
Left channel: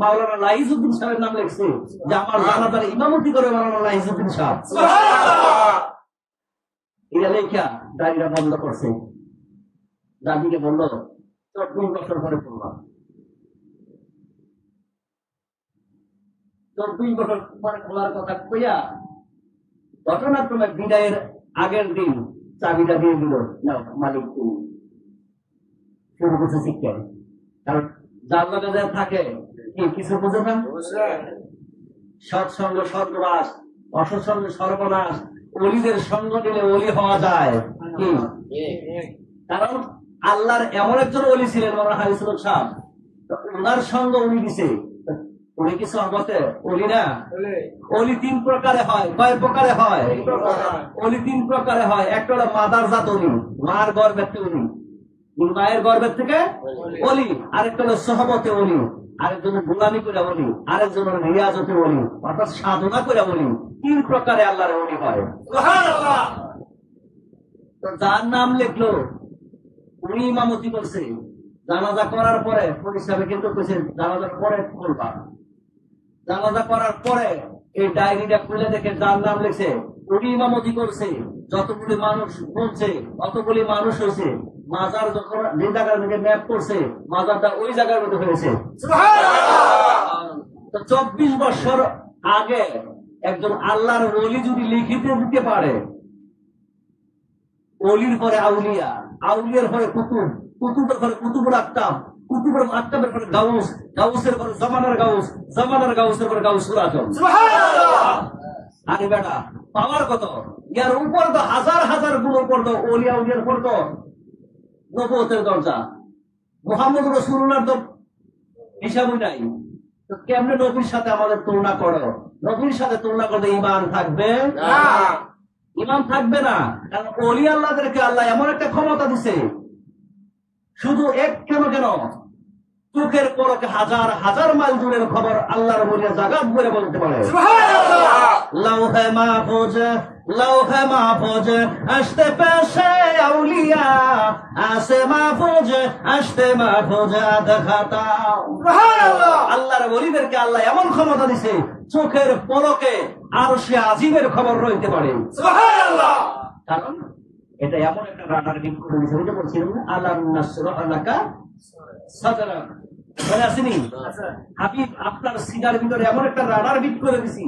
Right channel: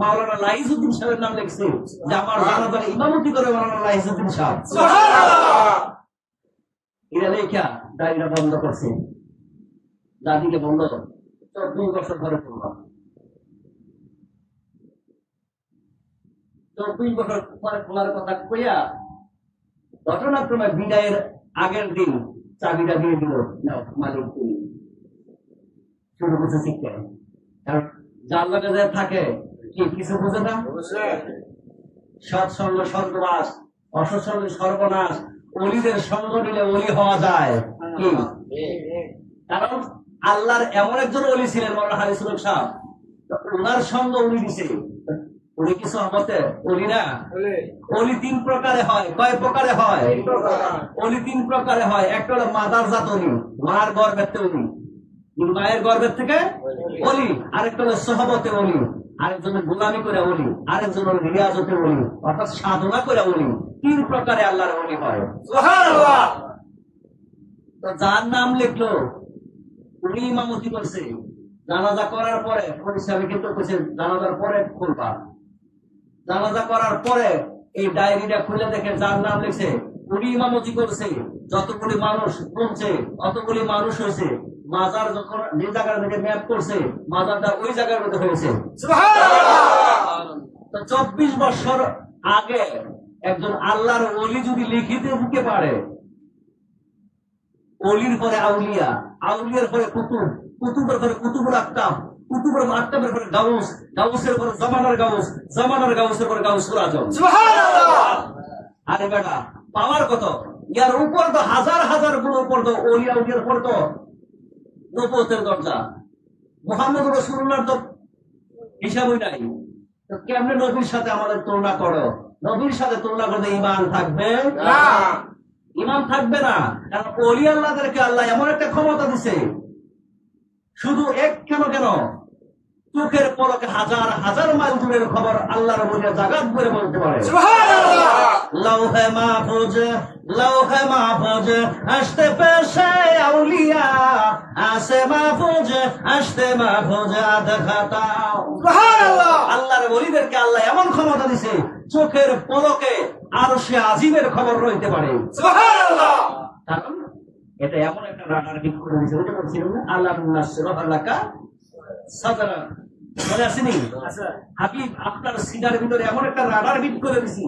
মাওলানা লাইজউদ্দিন সাহেবের নাম লিখছে যে আমার জানাজার ইমামতি করে মাওলানা লাইজউদ্দিন সাহেব। এটা লেখা ডায়রিটা বন্ধ করছে। দাদিকে বলল ২৪ বছর পরে করলাম, ২৪ বছর পরে খোলার কথা কইয়া ঘটনাক্রমে বিদায়ের আগের দিন চাবিটা দিয়ে দিল, নাও মালিক তুমি। শুরু করছে শিক্ষা। কারণ যার লগে যে থাকে কি কিছু বুঝে না, সৎসঙ্গ সর্বনাশ, অসৎসঙ্গ সর্বনাশ। অলিদের সঙ্গ নিলে অলি হওয়া যায় কি? কারণ আল্লাহর এমন একজন অলি ছিলেন মাওলানা হারিসুল হক সাহেব, ওনার সঙ্গ উনি দিছে। উনি কিছু আমাতে অলি না, অলি ৩ প্রকারে হয়। কয় প্রকারে হয়? অলি ৩ প্রকারে হয়। একটা হলো মাদার জাত অলি, মার গর্ভের থেকে অলি, মায়ের গর্ভের থেকে অলি। আরেকটা হলো সহবতে অলি, আরেকজন গোলামি করে অলি, আরেকজন রিয়াজতে অলি, অর্থাৎ সাধনা করে অলি। ৩ প্রকারে আল্লাহর অলি হয়। তো যার নাম লিখলো উনি ইমামতি করছে, জানাজা করার পরে পরিষ্কারে কিন্তু কইছে জানাজার পরে খুলবা। জানাজা করার পরে এই ডায়েরিটা খুলে দেখে যার নাম লিখছে উনি ইমামতি করছে। যতগুলি মানুষ শুনছে অতগুলি মানুষ হয়েছে। মাজার যখন যে জায়গার মধ্যে ম্যাপ করছে মাজারটা ওই জায়গার মধ্যে হয়েছে। তো ২৪ বছর আগে একজন আল্লাহর ওলি যদি লিখিতে দিতে পারে, অলির পরে আউলিয়া, আউলিয়ার পরে কুতুব, কুতুবের পরে কুতুবুল আকতাব, কুতুবের আকতাবের পরে গাউস, গাউসের পরে জামানার গাউস, জামানার গাউসের পরে গাউসুল আজম। আরে বেটা পাওয়ার কত? ইয়ার উপর তো হাজার হাজার গুণ উপর তো অলিয়া উলিয়ার পর তো নবুয়তের দরজা। মুহাম্মদ রাসূলুল্লাহর তো হিসাবই নাই। তো কেমনে নবীর সাথে আমাদের তুলনা করো? নবীর সাথে তুলনা করলে ঈমান থাকবে না, ঈমান থাকবে না। কারণ ওলি আল্লাহদেরকে আল্লাহ এমন একটা ক্ষমতা দিছে, শুধু এক কেন চোখের পলকে হাজার হাজার মাইল দূরের খবর আল্লাহর ওলিরা জাগাত করে বলতে পারে। লৌহে মাহফুজ, লৌহে মাহফুজ আসতে পেশে আউলিয়া, আসে মাহফুজ আসতে মাহফুজ আদ খাতা। আল্লাহর ওলিদেরকে আল্লাহ এমন ক্ষমতা দিছে চোখের পলকে আরশে আজিমের খবর রইতে পারে। কারণ এটা এমন একটা রাডার গিফট করে দিয়েছে। ওইটা বলছিলাম না, আল্লাহ নাসরাহ লাকা সাদরা, মনে আসেনি? হাবিব আপনার সিনার ভিতরে এমন একটা রাডার গিফট করে দিছি,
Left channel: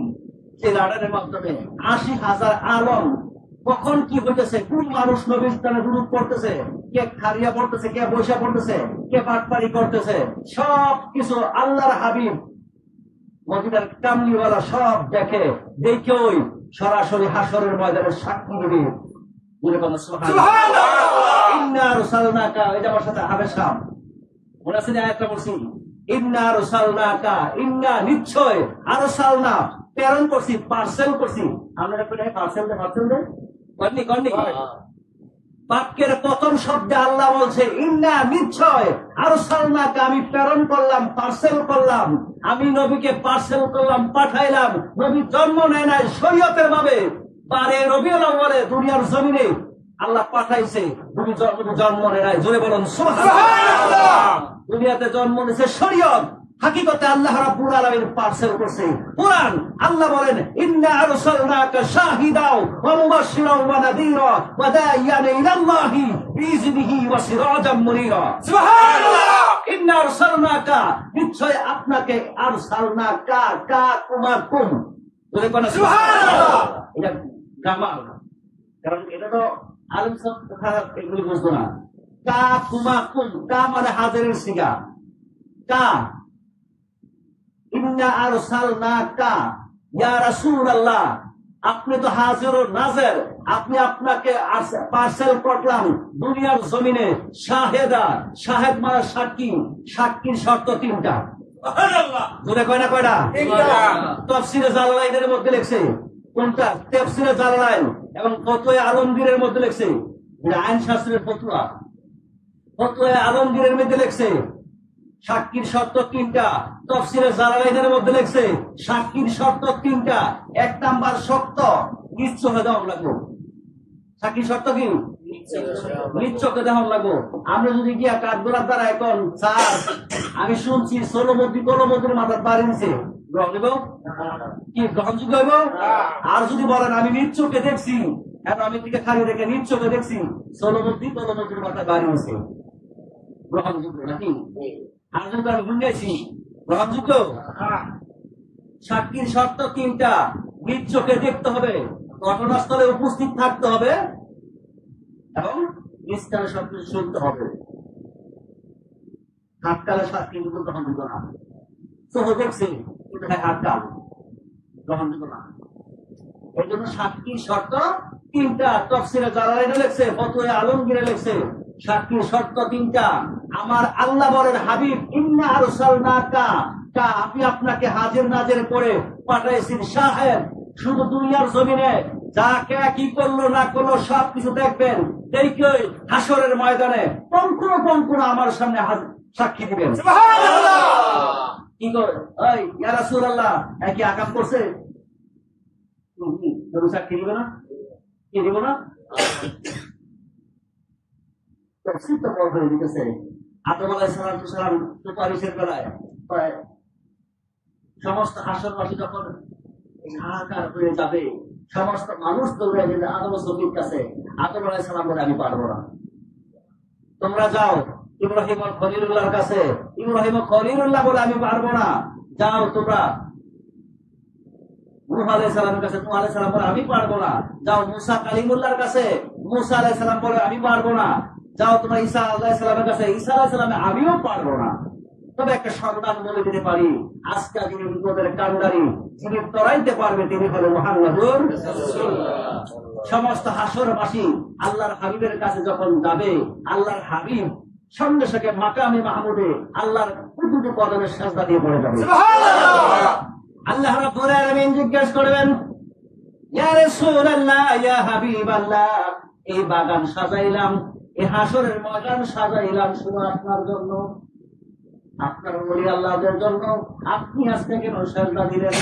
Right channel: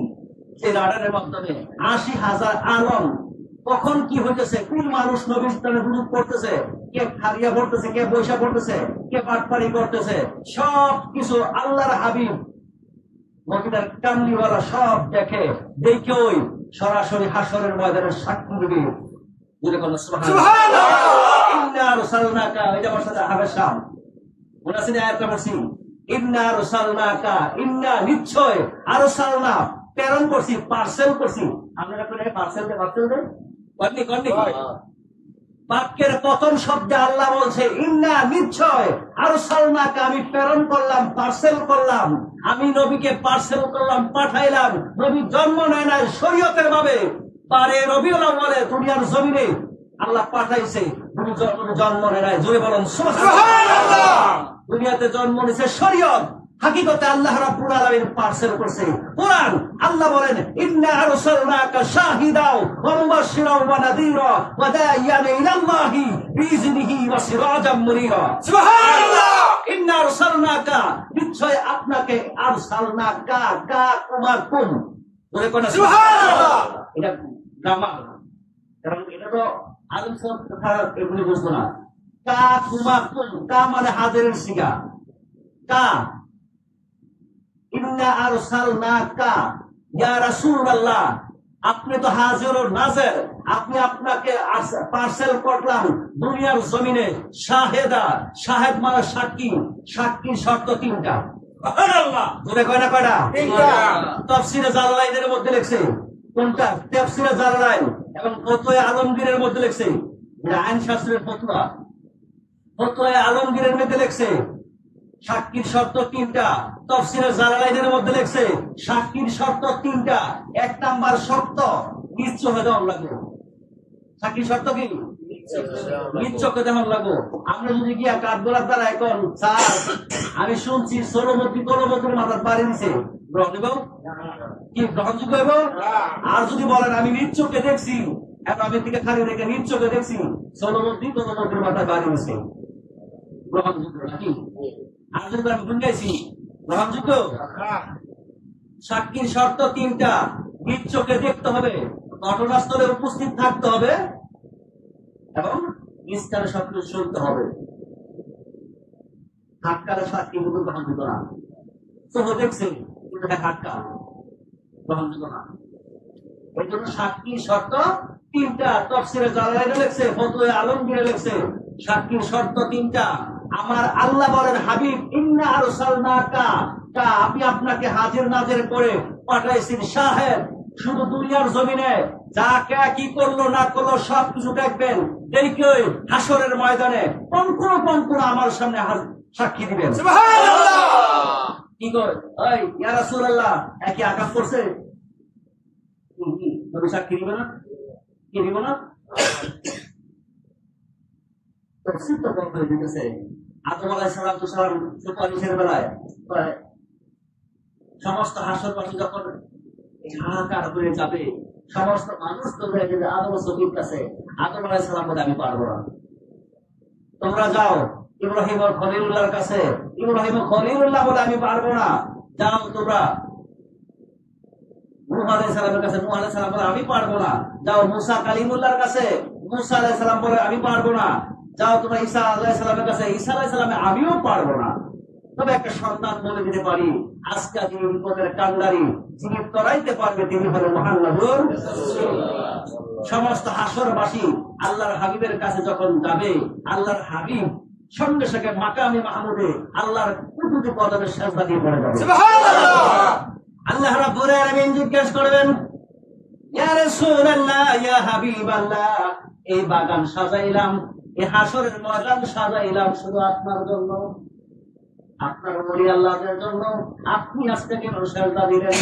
সেই রাডারের মাধ্যমে ৮০,০০০ আলম কখন কি হইতেছে, কোন মানুষ নবীর স্থানে দুরূদ পড়তেছে, কে খারিয়া পড়তেছে, কে বৈশা পড়তেছে, কে বাটপাড়ি করতেছে, সব কিছু আল্লাহর হাবিব মদিনার কামলিওয়ালা সব দেখেই সরাসরি হাসরের ময়দানে সাক্ষী দিবে। ইন্না রুসালনাকা, এটা আমার সাথে হাবেশা মনে আছে না? আয়াতটা বলছি, ইন্না রুসালনাকা, ইন্না নিশ্চয়, আরসালনা প্রেরণ করছি, পার্সেল করছি। আমরা করে পার্সেল দে কন্নি বাক্যের প্রথম শব্দে আল্লাহ বলছে ইন্না নিশ্চয়, আরসালনাকা আমি প্রেরণ করলাম, পার্সেল করলাম। আমি নবীকে পার্সেল করলাম, পাঠাইলাম। নবী জন্ম নেয় নাই শরীয়তের ভাবে, 12 রবিউল আউয়ালে দুনিয়ার জমিনে আল্লাহ পাঠাইছে। নবী জন্ম নেয় নাই, জোরে বলুন সুবহানাল্লাহ। দুনিয়াতে জন্ম নিয়েছে শরীয়ত, হাকিকতে আল্লাহ রাব্বুল আলামিন পার্সেল করছে কোরআন। আল্লাহ বলেন ইন্না আরসালনাকা শাহিদাও ওয়া মুবাশশিরাও ওয়া নাযীরা ওয়া দাইয়ান ইলাল্লাহি বিইজনিহি ওয়া সিরাজাম মুনীরা। সুবহানাল্লাহ। ইন্না আরসালনাকা, নিশ্চয় আপনাকে, আরসালনাকা কা কুমা কুম, বলে কোন সুবহানাল্লাহ। এটা গ্রামার, কারণ এটা তো আলেম সব কথা এগুলি বুঝতো না। কা কুমা কুম, কা মানে হাজিরের সিগা, কা। ইন্না ইন্না আরসালনাকা ইয়া রাসূলুল্লাহ, আপনি তো হাজির ও নাজের, আপনি আপনাকে পার্সেল করলাম দুনিয়ার জমিনে শাহেদা। শাহেদ মানে সাক্ষী, সাক্ষীর শর্ত তিনটা। জোরে কয় না কয়টা? তাফসীরে জালালাইনের মধ্যে লিখছে। কোনটা? তাফসীরে জালালাইন এবং ফতোয়া আলমগীরের মধ্যে লিখছে। আইন শাস্ত্রের ফতোয়া, ফতোয়া আলমগীরের মধ্যে লিখছে সাক্ষীর শর্ত তিনটা। তাফসীরে জালালাইনের মধ্যে লিখছে সাক্ষীর শর্ত তিনটা। এক নাম্বার শর্ত নিজ চোখে দেওয়া লাগবো। সাক্ষীর শর্ত কি? নিজ চোখে দেওয়া লাগবো। আমরা যদি গিয়া কাঠগোড়ার দ্বারা এখন স্যার আমি শুনছি ষোলমতির মাথার বাড়ি দিছে, গ্রহণ নিব কি? গ্রহণযোগ্য হইব? আর যদি বলেন আমি নিজ চোখে দেখছি, এখন আমি থেকে খালি রেখে নিজ চোখে দেখছি ষোলমতির মাথায় বাড়ি দিছে, গ্রহণযোগ্য নাকি? আর যদি আমি গুনগাইছি, গ্রহণযোগ্য? সাক্ষীর শর্ত তিনটা। নিজ চোখে দেখতে হবে, ঘটনাস্থলে উপস্থিত থাকতে হবে এবং নিস্তারে সবকিছু শুনতে হবে। হাতকালে সাক্ষী কিন্তু গ্রহণযোগ্য না। চোখে দেখছে কিন্তু হাতকাল, গ্রহণযোগ্য না। এই জন্য সাক্ষীর শর্ত তিনটা। তাফসীরে জালালাইনে লেখছে, ফতোয়া আলমগীরে লেখছে সাক্ষীর শর্ত তিনটা। আমার আল্লাহ বলেন হাবিব ইন্না আরসালনাকা, আমি আপনাকে হাজির নাজির করে পাঠাইছি শাহেদ। শুধু দুনিয়ার জমিনে যা কে কি করলো না করলো সবকিছু দেখবেন, দেখে হাসরের ময়দানে কঙ্কণ আমার সামনে সাক্ষী দিবেন। কি করে? ওই ইয়া রাসূলুল্লাহ একই আকাশ করছে, তুমি সাক্ষী দিবে না? কি দিব না? তফসীর তো বড় হয়ে যেতেছে। আদম আলাইহিস সালাম সুপারিশের বেলায় সমস্ত হাসরবাসী যখন হাহাকার হয়ে যাবে, সমস্ত মানুষ দৌড়ে যাবে আদম সফির কাছে। আদম আলাইহিস সালাম বলে আমি পারবো না, তোমরা যাও ইব্রাহিম ও খলিলুল্লাহর কাছে। ইব্রাহিম ও খলিলুল্লাহ বলে আমি পারবো না, যাও তোমরা নূহ আলাইহিস সালামের কাছে। নূহ আলাইহিস সালাম বলে আমি পারবো না, যাও মুসা কালিমুল্লাহর কাছে। মুসা আলাইহিস সালাম বলে আমি পারবো না, যাও তোমরা ঈসা আলাইহিস সালামের কাছে। ঈসা আলাইহিস সালামে আমিও পারবো না। তবে একটা সন্তান বলে দিতে পারি, আজকে যিনি বিপদের কান্ডারি, যিনি তরাইতে পারবে তিনি হলেন মুহাম্মদুর রাসূলুল্লাহ। সমস্ত হাসরবাসী আল্লাহর হাবিবের কাছে যখন যাবে, আল্লাহর হাবিব সঙ্গে সঙ্গে মাকামে মাহমুদে আল্লাহর কুদরতি কদমে সিজদা দিয়ে পড়ে যাবে। সুবহানাল্লাহ। আল্লাহ রাব্বুল আলামিন জিজ্ঞেস করবেন, ইয়া রাসূলুল্লাহ, ইয়া হাবিবাল্লাহ, এই বাগান সাজাইলাম, এই হাসরের ময়দান সাজাইলাম শুধু আপনার জন্য, আপনার ওলি আল্লাহদের জন্য। আপনি আজকে কেন সিজদা দিলেন?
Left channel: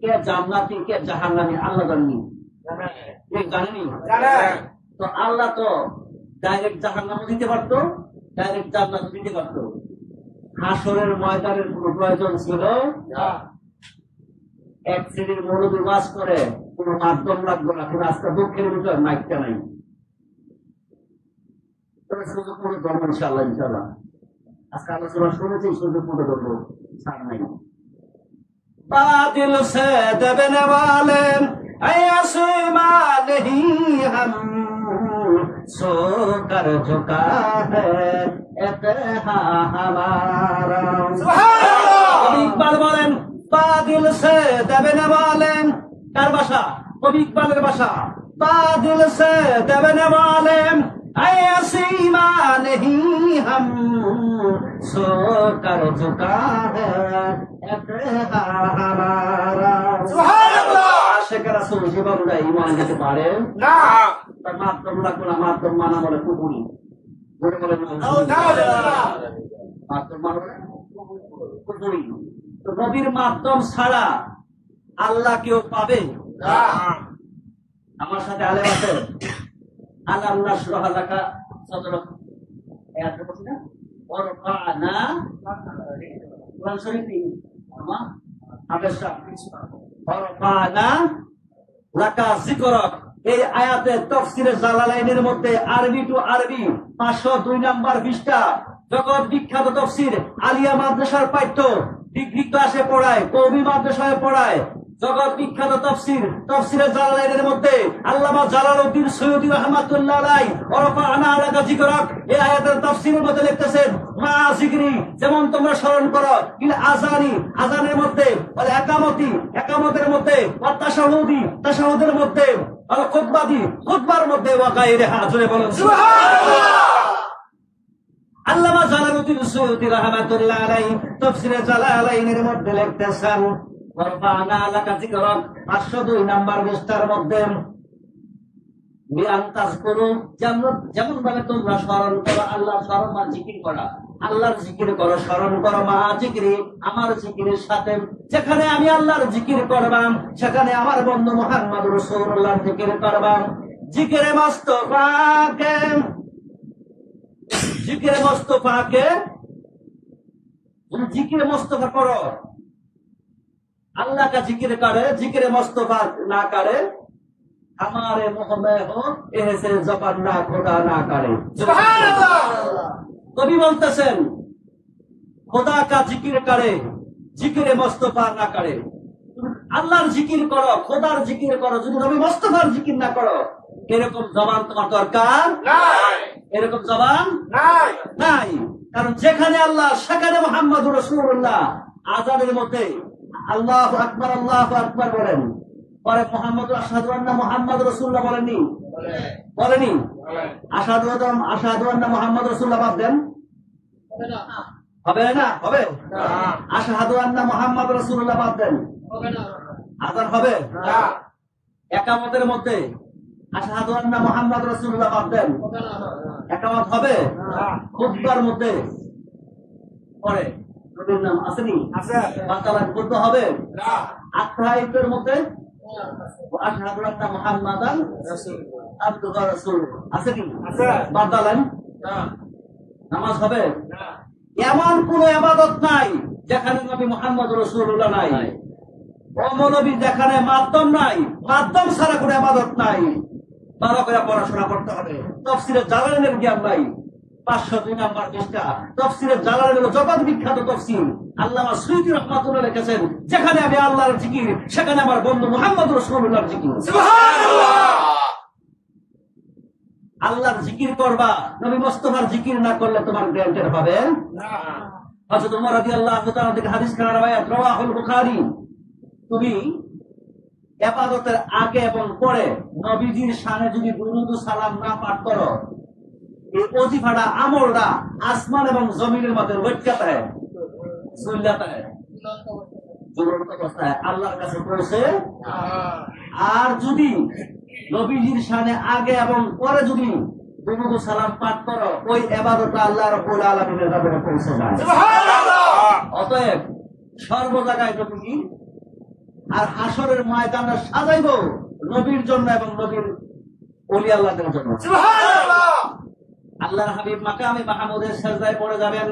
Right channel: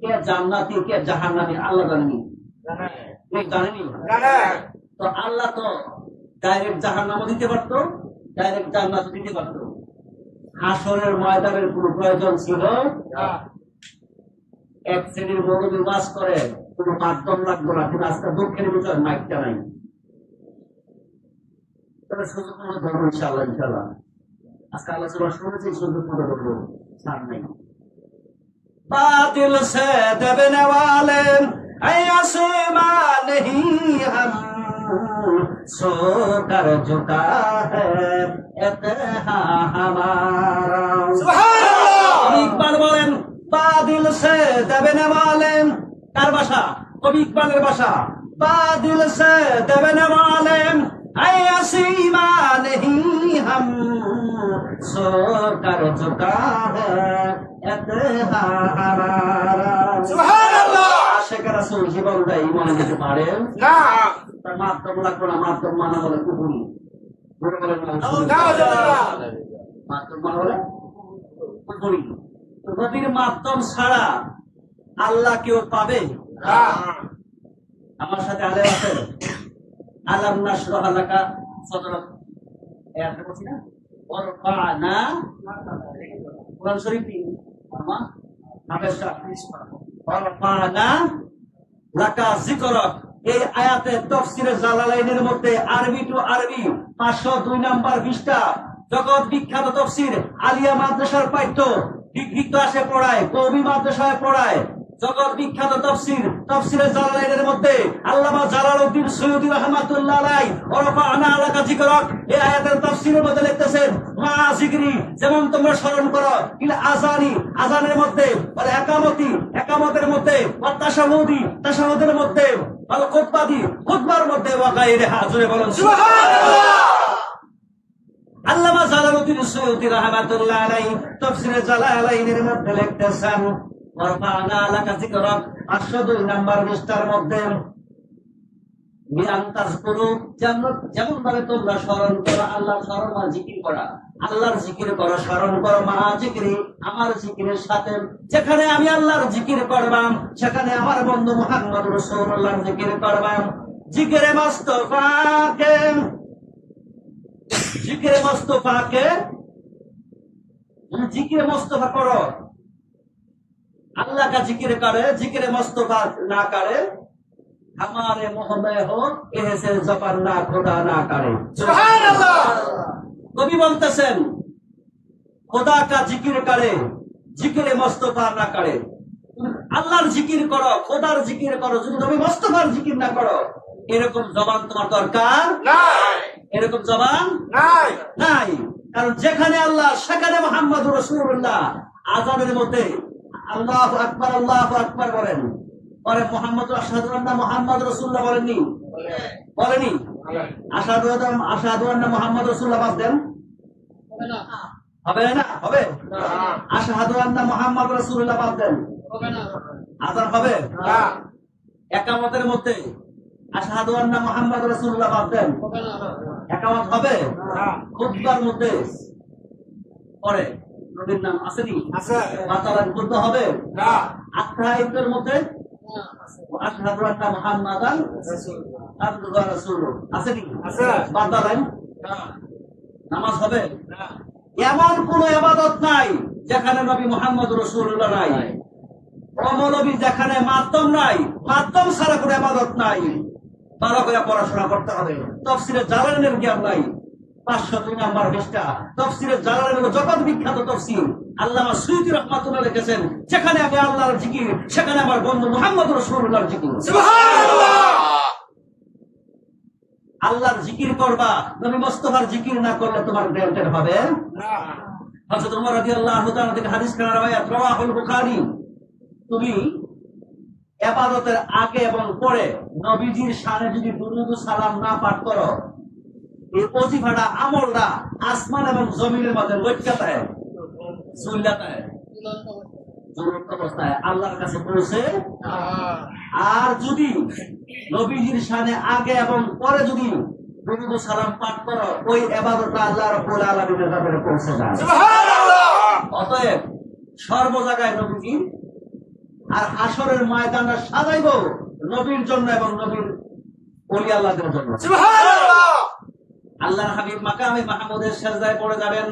কে জান্নাতি কে জাহান্নামী আল্লাহ জানেনি? জানেনি? তো আল্লাহ তো ডাইরেক্ট জাহান্নামও দিতে পারতো, ডাইরেক্ট জান্নাত দিতে পারতো। হাসরের ময়দানের কোন প্রয়োজন ছিল? এক শ্রেণীর মৌলবী ওয়াজ করে, কোন মাধ্যম লাগতো না। কিন্তু আজকে দুঃখের বিষয় মাইকটা নাই। তবে সুযোগ মনে ধরবো ইনশাআল্লাহ। ইনশাআল্লাহ আজকে আলোচনা শুনেছি, সুযোগ মনে ধরবো, ছাড় নাই। बादल से दबने वाले आसमां नहीं हम सो कर झुका है इत्तेहा हमारा। कवि इकबाल बोलेन बादल से दबने वाले, कार भाषा? कवि इकबालेर भाषा। बादल से दबने वाले आसमां नहीं हम सो कर झुका है इत्तेहा हमारा। सुबहानाल्लाह। আশিক রাসূল জীবন দেয় ঈমান দিতে পারে না, তার মাধ্যম লাগবে না। মাধ্যম মানা বলে কুফরি, বলে বলে মাধ্যম মানা বলে কুফরি। তো নবীর মাধ্যম ছাড়া আল্লাহ কেউ পাবে না। আমার সাথে আলেম আছে, আলাম নাশরাহ লাকা সাদরাক, এত বলছি না, ওয়ারফা'না কুরআন শরীফ আমা হাফেজা ওয়ারফা'না লাকা যিকরাক। এই আয়াতে তাফসীরে জালালাইনের মধ্যে আরবি টু আরবি 502 নম্বর পৃষ্ঠা, জগৎ বিখ্যাত তাফসীর আলিয়া মাদ্রাসার পাঠ্য ডিগ্রি ক্লাসে পড়ায়, কওমি মাদ্রাসায় পড়ায়, জগৎ বিখ্যাত তাফসীরে জালালাইনের মধ্যে আল্লামা জালালউদ্দিন সৈয়দী রাহমাতুল্লাহ আলাইহি ওরফা'না লাকা যিকরাক এই আয়াতের তাফসীরের মধ্যে লিখতেছেন মা যিকরি, যেমন তোমরা স্মরণ করো ইল আযানি, আযানের মধ্যে, ওয়াল একামতের মধ্যে, ওয়াত তাশাহুদের মধ্যে, ওয়াল খুতবার মধ্যে, ওয়া গায়রিহা, জোরে বলেন সুবহানাল্লাহ। আল্লামা জালালউদ্দিন সৈয়দী রাহমাতুল্লাহ আলাইহি তাফসীরে জালালাইনের মধ্যে লিখতেছেন ওয়ারফা'না লাকা যিকরাক 502 নাম্বার পৃষ্ঠার মধ্যে বিআন তাযকুরু, যেমন ভাবে তোমরা স্মরণ করো, আল্লাহর স্মরণ মানে জিকির করা, আল্লাহর জিকির করো, স্মরণ করো মা জিকিরি, আমার জিকিরের সাথে। যেখানে আমি আল্লাহর জিকির করবাম সেখানে আমার বন্ধু মুহাম্মদ রাসূলুল্লাহর জিকির করবাম। জিকিরে মুস্তাফাকে জিকিরে মুস্তাফা করো, अल्लाह का जिक्र करे, जिक्र मुस्तफा ना करे, हमारे मुंह में हो ऐसे जबान ना खुदा ना करे। सुभान अल्लाह। कवि बोलतेছেন खुदा का जिक्र करे, जिक्र मुस्तफा ना करे। আল্লাহর জিকির করো, খোদার জিকির করো, যদি নবী মুস্তাফার জিকির না করো, এরকম জবান তোমার দরকার নাই, এরকম জবান নাই। কারণ যেখানে আল্লাহ সেখানে মুহাম্মদুর রাসূলুল্লাহ। আযানের মধ্যে আল্লাহু আকবার বলেন, পরে মুহাম্মদ আশহাদু আন্না মুহাম্মদ রাসূলুল্লাহ বলেনি? আশহাদু আন্না মুহাম্মদ রাসূলুল্লাহ বাদ দেন, হবে না? হবে না। আশহাদু আন্না মুহাম্মদ রাসূলুল্লাহ বাদ দেন, আযান হবে না। একামতের মধ্যে আশহাদু আন্না মুহাম্মদ রাসূলুল্লাহ বাদ দেন, একামত হবে না। খুতবার মধ্যে পরে নবীর নাম আসেনি? আছে। বাতালান করতে হবে না। আত্মাইতের মধ্যে আশহাদু আন্না মুহাম্মাদান আবদুহু ওয়া রাসূলুহু আসেনি? আছে। বাতালান না। নামাজ হবে না। এমন কোন ইবাদত নাই যেখানে নবী মুহাম্মদ রাসূলুল্লাহ নাই। ও মৌলবী, যেখানে মাধ্যম নাই, মাধ্যম ছাড়া কোনো ইবাদত নাই। ভালো করে পড়াশোনা করতে হবে। তাফসীরে জালালাইনের জ্ঞান নাই, 502 নাম্বার পৃষ্ঠা। তাফসীরে জালালাইন হলো জগৎ বিখ্যাত তাফসীর। আল্লামা সুয়ুতী রাহমাতুল্লাহ লিখেছেন যেখানে আমি আল্লাহর জিকির সেখানে আমার বন্ধু মুহাম্মদ রাসূলুল্লাহর জিকির। সুবহানাল্লাহ। আল্লাহর জিকির করবা, নবী মুস্তাফার জিকির না করলে তোমার গ্যারান্টি হবে না। হযরত ওমর রাদিয়াল্লাহু তাআলা থেকে হাদিস খানা রাওয়ায়াত রাওয়াহুল বুখারী, তুমি ইবাদতের আগে এবং পরে নবীজির শানে যদি দুরূদ ও সালাম না পাঠ করো, এই ওজিফাটা আমলটা আসমান এবং জমিনের মধ্যে লটকাতা হয়, ঝুলাতা হয়, ঝুলন্ত অবস্থায় আল্লাহর কাছে পৌঁছে। আর যদি নবীজির শানে আগে এবং পরে যদি দুরূদ ও সালাম পাঠ করো, ওই ইবাদতটা আল্লাহ রাব্বুল আলামিনের কাছে পৌঁছে যায়। সুবহানাল্লাহ। অতএব সর্ব জায়গায় নবীজি আর হাসরের ময়দানটা সাজাইব নবীর জন্য এবং নবীর ওলি আল্লাহদের জন্য। সুবহানাল্লাহ। আল্লাহর হাবিব মাকামে মাহমুদের সিজদায় পড়ে যাবেন।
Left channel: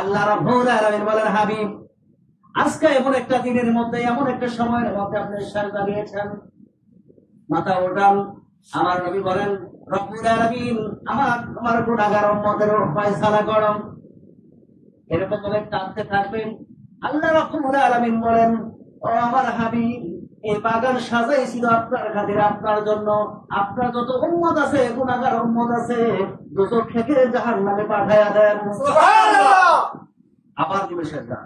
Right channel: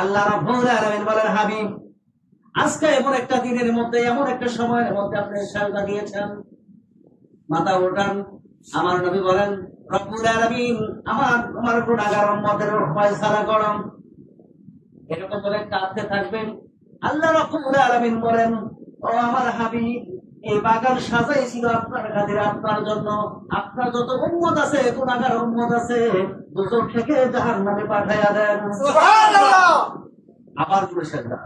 আল্লাহ রাব্বুল আলামিন বলেন, হাবিব আজকে এমন একটা দিনের মধ্যে, এমন একটা সময়ের মধ্যে আপনি সিজদা দিয়েছেন, মাথা ওঠান। আমার নবী বলেন, রব্বুল আলামিন আমার গুনাহগার উম্মতের ফয়সালা করুন। এরকম বলে কাঁদতে থাকবেন। আল্লাহ রাব্বুল আলামিন বলেন, ও আমার হাবিব, এই বাগান সাজাইছিল আপনার খাতিরে, আপনার জন্য। আপনার যত উম্মত আছে, গুনাহগার উম্মত আছে, দুজক থেকে জাহান্নামে পাঠায়া দেন। সুবহানাল্লাহ। আবার দিবে সিজদা।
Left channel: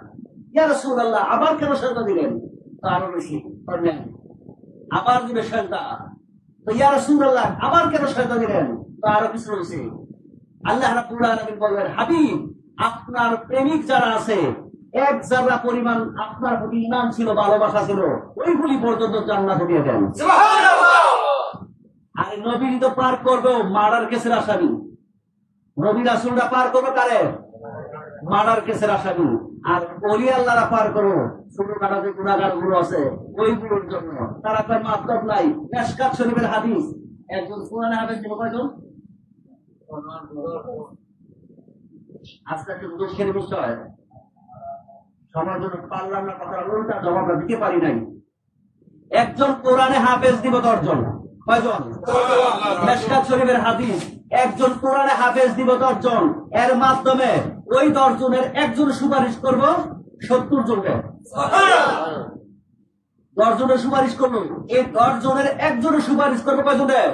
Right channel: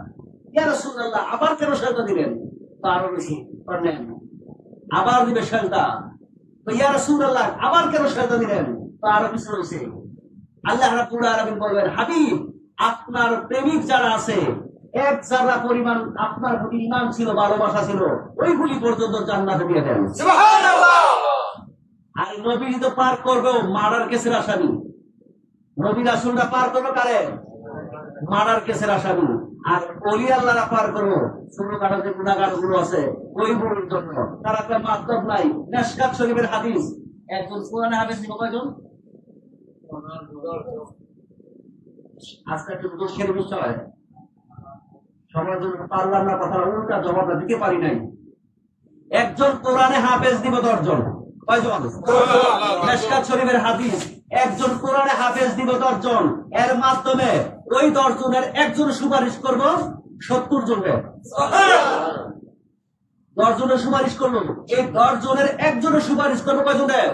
ইয়া রাসূলুল্লাহ, আবার কেন সিজদা দিলেন? তো আরো বেশি করলেন। আবার দিবে সিজদা। তো ইয়া রাসূলুল্লাহ, আবার কেন সিজদা দিলেন? তো আরো কিছু হইছে। আল্লাহ রাব্বুল আলামিন বলবেন, হাবিব আপনার প্রেমিক যারা আছে, এক জাররা পরিমাণ আপনার প্রতি ঈমান ছিল, ভালোবাসা ছিল, ওইগুলি পর্যন্ত জান্নাতে দিয়ে দেন। সুবহানাল্লাহ। আর নবী তো পার করবে মার্ডার কেসের আসামি। নবী রাসূলরা পার করবে কারে? মার্ডার কেসের আসামি। আর ওলি আল্লাহরা পার করো ছোটখাটো যে গুনাহগার গুলো আছে ওইগুলোর জন্য। তারা কোনো মাতলব নাই। মিশকাত শরীফের হাদিস, একজন কোরআনে হাফেজ ছিল কয়জন? আজকে একটু দুঃখের বিষয়, সময়ের জন্য পারলাম না, কথা উল্টা জবাবটা দিতে পারি নাই। একজন কোরআনে হাফেজ দিব 10 জন। কয়জন? মিশকাত শরীফের হাদিস, একজন কোরআনে হাফেজ দিব 10 জন। এর মাধ্যমে ওই 10 জনের একজন সুপারিশ করব 70 জনকে। 10 জনের সুপারিশ করলো, এই 10 জনের একজনের সুপারিশ করবো কয়জনের?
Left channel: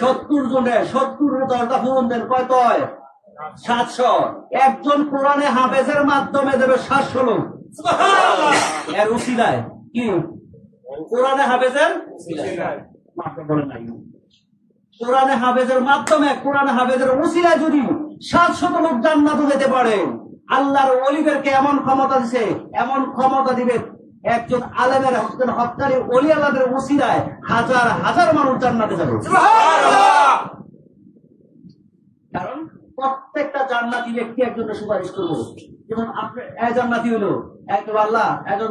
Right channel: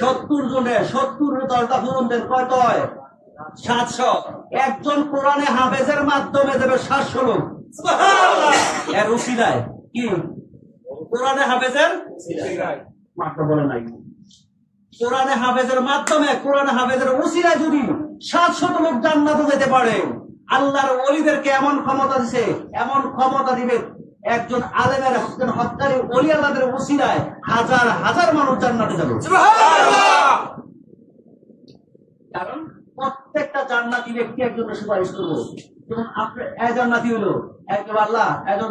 70 জনের। 70 10টা ফোন দেন, কয় কয় 700। একজন কোরআনে হাফেজের মাধ্যমে দেবে 700 লোক। এর উসিলায় কি কোরআনে হাফেজের মাত্র বলে নাই, কোরআনে হাফেজের মাধ্যমে কোরআনে হাফেজের উসিলায় যদি 700 লোক জান্নাতে যেতে পারে, আল্লাহর ওলিদেরকে এমন ক্ষমতা দিছে, এমন ক্ষমতা দিবে, একজন আলেমের একজন হক্কারি ওলি আল্লাহদের উসিলায় হাজার হাজার মানুষ জান্নাতে যাবে। কারণ প্রত্যেকটা জান্নাতি ব্যক্তি একজনের সুপারিশ করবো। যেমন আপনার জান্নাতি হইলো একজন, আল্লাহ একজন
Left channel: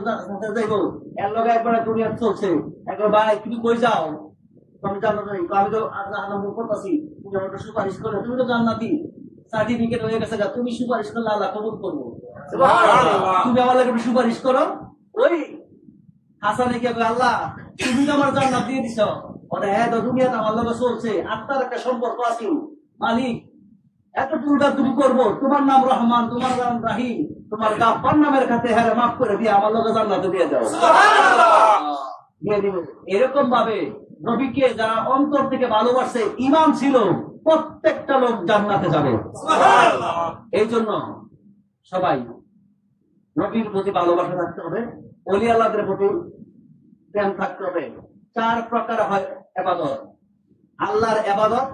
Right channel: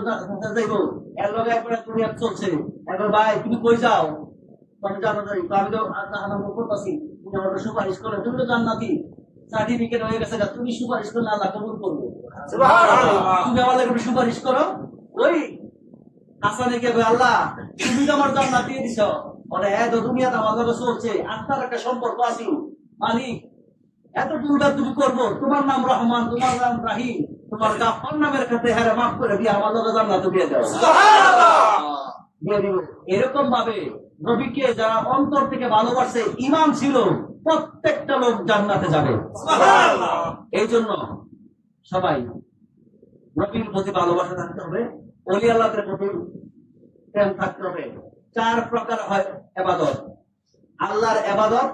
যাইব, এর লগে একবার দুনিয়া চলছে, একবার ভাই তুমি কই যাও, তুমি জান্নাতি, আমি তো করতেছি, তুমি আমাকে সুপারিশ করলে, তুমি তো জান্নাতি, সার্টিফিকেট হয়ে গেছে, তুমি সুপারিশ করলে আল্লাহ কবুল করবো। তুমি আমার লাগে সুপারিশ করো। ওই হাসানে গিয়ে আল্লাহ তুমি তো আমার জান্নাত দিয়ে দিছ, মানে এত দুনিয়াতে আমার লগে চলছে, আত্মার একটা সম্পর্ক আছে, মালিক এত টুলটা তুমি করবো, তোমার নাম রহমান, তোমার নাম রাহিম, তোমার গাফফার নামের কাছে হ্যাঁ মাফ করে দিয়ে আমার লগে জান্নাত দিয়ে যাও, দিয়ে দিব। এরকম ভাবে নবীকে যারা অন্তর থেকে ভালোবাসে, ঈমান ছিল, প্রত্যেকটা লোক জান্নাতে যাবে। এই জন্য সবাই নবীর প্রতি ভালোবাসা থাকতে হবে, ওলি আল্লাহদের প্রতি প্রেম থাকতে হবে। 4 প্রকার হয় ইবাদত: আল্লাহর ইবাদত,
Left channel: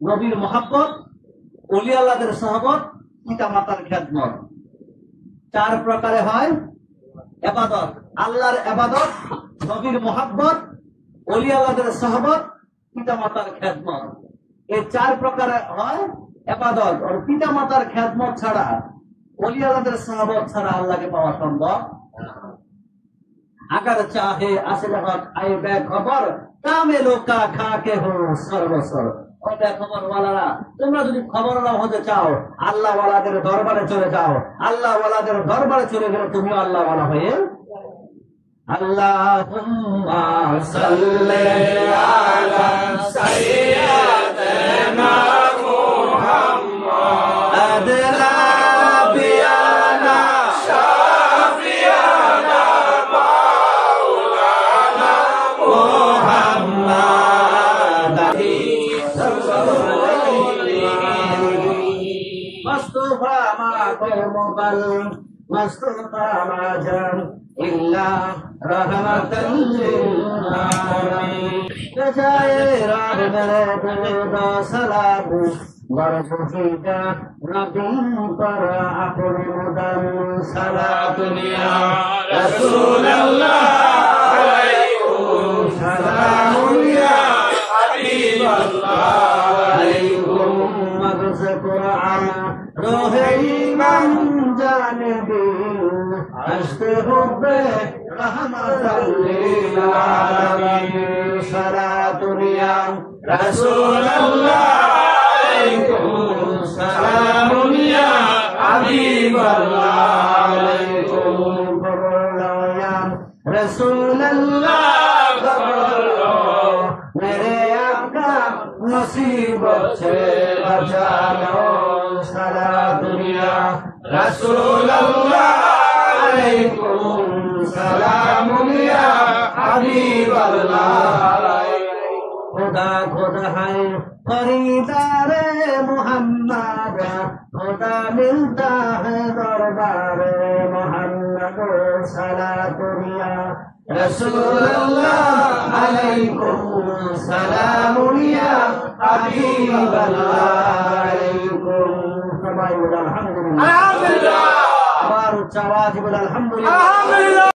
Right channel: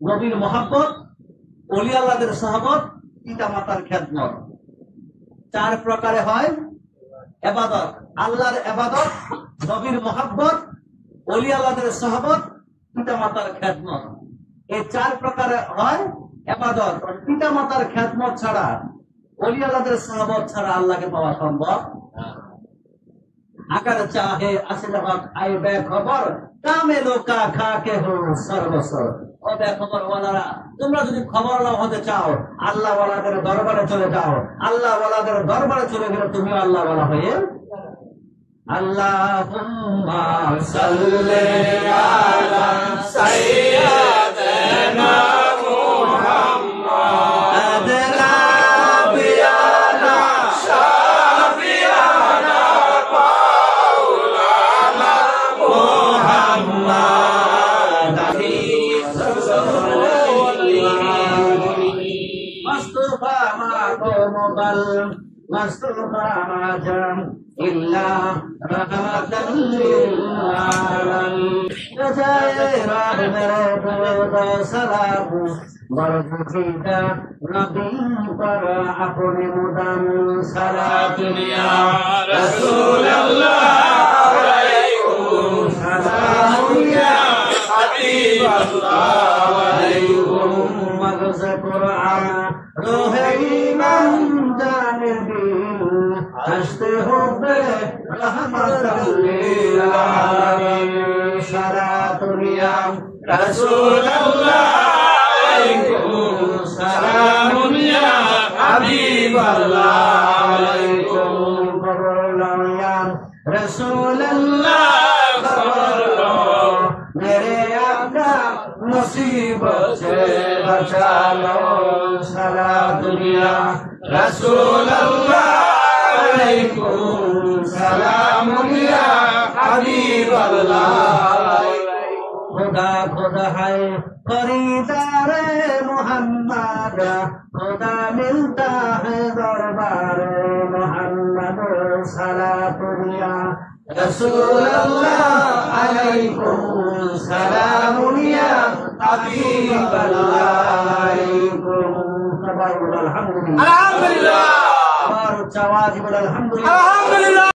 নবীর মহব্বত, ওলি আল্লাহদের সহবত, পিতা মাতার খেদমত। 4 প্রকারে হয় ইবাদত: আল্লাহর ইবাদত, নবীর মহব্বত, ওলি আল্লাহদের সহবত, পিতা মাতার খেদমত। এই 4 প্রকারে হয় ইবাদত। আর পিতা মাতার খেদমত ছাড়া, ওলি আল্লাহদের সহবত ছাড়া আল্লাহকে পাওয়া সম্ভব। अगर चाहे असल हक आए बेखबर कामे लोका खाके हो सर्वस्वर। ও বেখবর ওয়ালারা, তোমরা যদি খবরওয়ালা হতে চাও, আল্লাহ ওয়ালাদের দরবারে চলে যাও। আল্লাহ ওয়ালাদের দরবারে চলে গেলে তুমিও আল্লাহ ওয়ালা হয়ে। আল্লাহুম্মা সাল্লি আলা সাইয়্যিদিনা মুহাম্মাদ নাবিয়ানা শাফিয়ানা মাওলানা মুহাম্মাদ মুস্তাফা মা কওমবাল মুস্তাফা মা জাম ইল্লা রাহমাতাল লিল আলামিন। জায়ে রব মেরে দুরূদ সালাম বরকতিকা নবী পর আপনি মুদাম সালাত নিয়া রাসূলুল্লাহ আলাইকুম সালাম ইয়া হাবিবাল্লাহ আলাইকুম মাগজ কুরআন রোহে ঈমান জানে দিল হস্তে হুবে রহমাতাল লিল আলামিন সালাতুন ইয়া রাসূলুল্লাহ আলাইকুম সালামুন ইয়া হাবিবাল্লাহ আলাইকুম বরলো ইয়া রাসূলুল্লাহ বরলো মেরে আকা মুসিবত से बचा लो सलातुन या रसूलल्लाह अलैकुम सलामुन या हबीबल्लाह। खुदा खुदा है खरीदार मोहम्मद, खुदा मिलता है दरबार मोहम्मद सलातुन या रसूलल्लाह अलैकुम सलामुन या हबीबल्लाह अलैकुम। सबाई बोल अल्हम्दुलिल्लाह, आवाज बोल अल्हम्दुलिल्लाह।